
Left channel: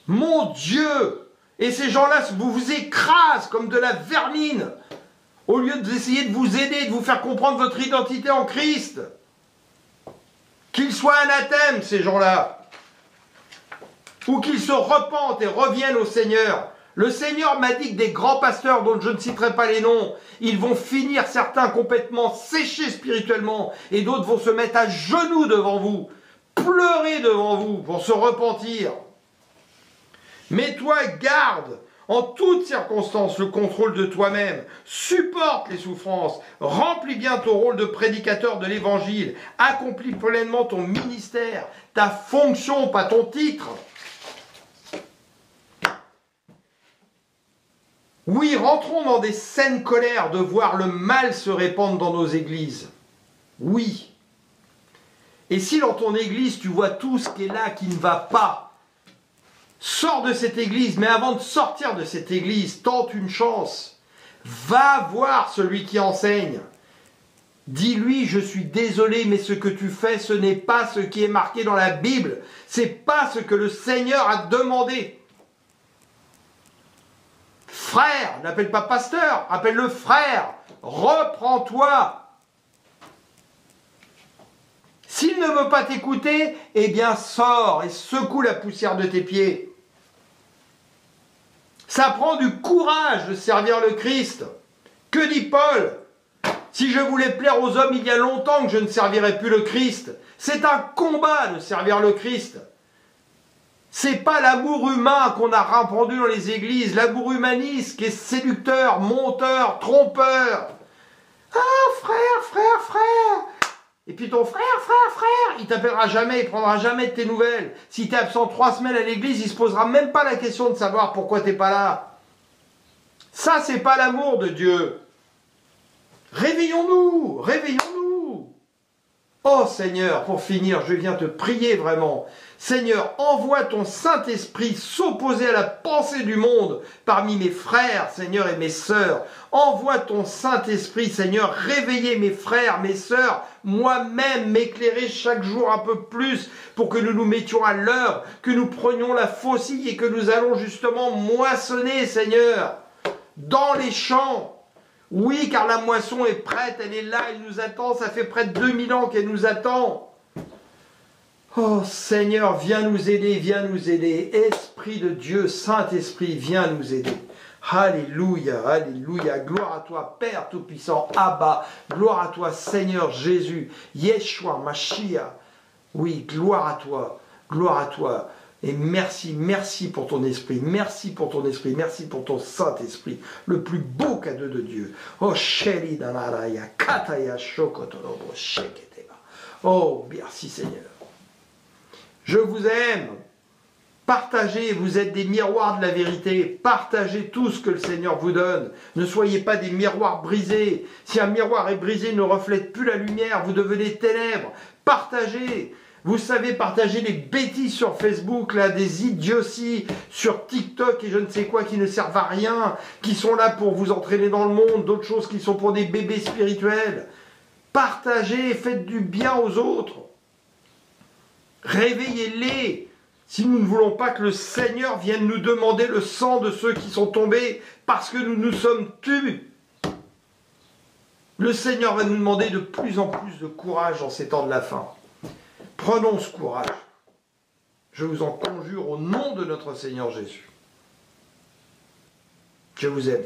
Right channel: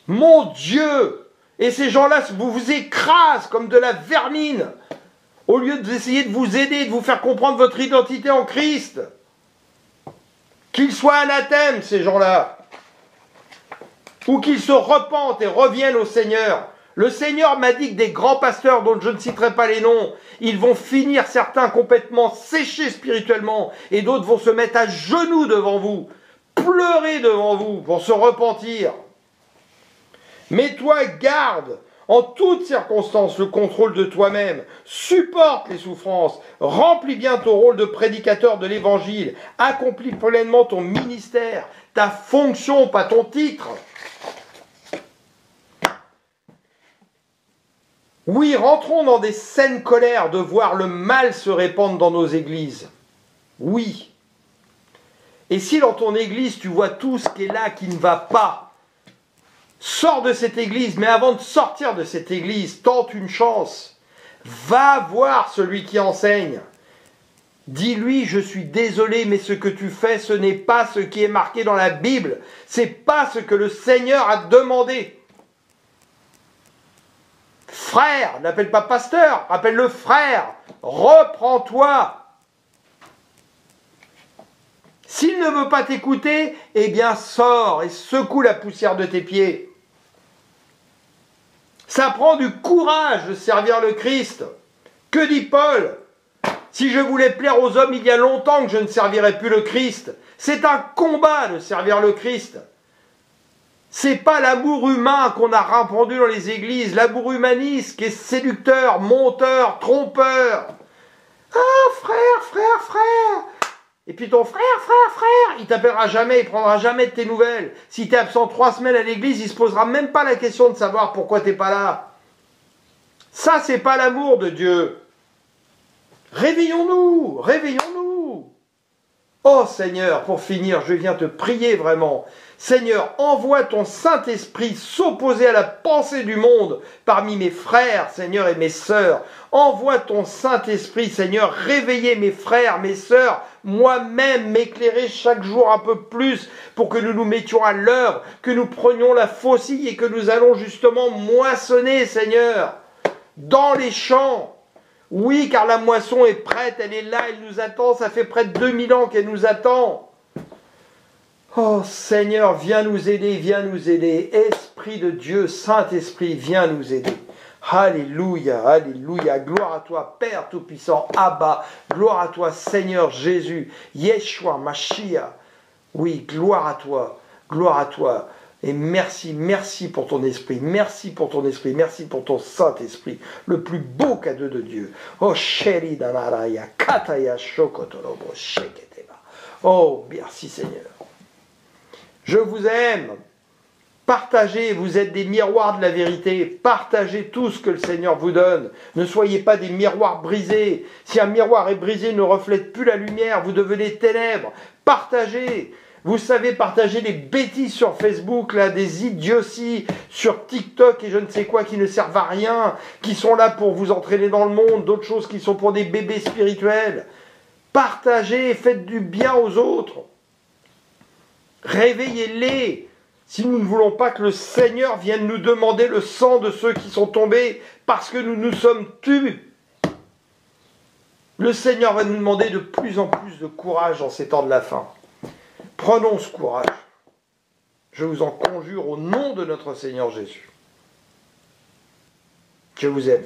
Mon Dieu! Et ces gens-là vous écrasent comme de la vermine, au lieu d'essayer de vous aider, de vous faire comprendre votre identité en Christ. Qu'ils soient anathèmes, ces gens-là. Ou qu'ils se repentent et reviennent au Seigneur. Le Seigneur m'a dit que des grands pasteurs, dont je ne citerai pas les noms, ils vont finir certains complètement séchés spirituellement, et d'autres vont se mettre à genoux devant vous, pleurer devant vous pour se repentir. Mets-toi garde en toutes circonstances le contrôle de toi-même, supporte les souffrances, remplis bien ton rôle de prédicateur de l'Évangile, accomplis pleinement ton ministère, ta fonction, pas ton titre. Oui, rentrons dans des saines colères de voir le mal se répandre dans nos églises. Oui. Et si dans ton église tu vois tout ce qui est là qui ne va pas, sors de cette église, mais avant de sortir de cette église, tente une chance. Va voir celui qui enseigne. Dis-lui, je suis désolé, mais ce que tu fais, ce n'est pas ce qui est marqué dans la Bible. C'est pas ce que le Seigneur a demandé. Frère, n'appelle pas pasteur, appelle-le frère. Reprends-toi. S'il ne veut pas t'écouter, eh bien sors et secoue la poussière de tes pieds. Ça prend du courage de servir le Christ. Que dit Paul? Si je voulais plaire aux hommes, il y a longtemps que je ne servirais plus le Christ. C'est un combat de servir le Christ. C'est pas l'amour humain qu'on a répandu dans les églises, l'amour humaniste qui est séducteur, monteur, trompeur. Ah, frère. Et puis ton frère, il t'appellera jamais, il prendra jamais de tes nouvelles. Si tu es absent 3 semaines à l'église, il se posera même pas la question de savoir pourquoi t'es pas là. Ça, c'est pas l'amour de Dieu. Réveillons-nous, réveillons-nous. Oh Seigneur, pour finir, je viens te prier vraiment. Seigneur, envoie ton Saint-Esprit s'opposer à la pensée du monde parmi mes frères, Seigneur, et mes sœurs. Envoie ton Saint-Esprit, Seigneur, réveiller mes frères, mes sœurs, moi-même, m'éclairer chaque jour un peu plus pour que nous nous mettions à l'œuvre, que nous prenions la faucille et que nous allons justement moissonner, Seigneur, dans les champs. Oui, car la moisson est prête, elle est là, elle nous attend, ça fait près de 2000 ans qu'elle nous attend. Oh Seigneur, viens nous aider, viens nous aider. Esprit de Dieu, Saint-Esprit, viens nous aider. Alléluia, alléluia, gloire à toi, Père Tout-Puissant, Abba, gloire à toi, Seigneur Jésus, Yeshua, Mashiach. Oui, gloire à toi, gloire à toi. Et merci, merci pour ton esprit, merci pour ton esprit, merci pour ton Saint-Esprit, le plus beau cadeau de Dieu. Oh, Sheri Danaraya, Kataya Shokotorobo, Sheketeba. Oh, merci Seigneur. Je vous aime. Partagez, vous êtes des miroirs de la vérité. Partagez tout ce que le Seigneur vous donne. Ne soyez pas des miroirs brisés. Si un miroir est brisé, ne reflète plus la lumière, vous devenez ténèbres. Partagez. Vous savez partager des bêtises sur Facebook, là, des idioties sur TikTok et je ne sais quoi qui ne servent à rien, qui sont là pour vous entraîner dans le monde, d'autres choses qui sont pour des bébés spirituels. Partagez, faites du bien aux autres. Réveillez-les. Si nous ne voulons pas que le Seigneur vienne nous demander le sang de ceux qui sont tombés parce que nous nous sommes tus. Le Seigneur va nous demander de plus en plus de courage dans ces temps de la fin. Prenons ce courage. Je vous en conjure au nom de notre Seigneur Jésus. Je vous aime.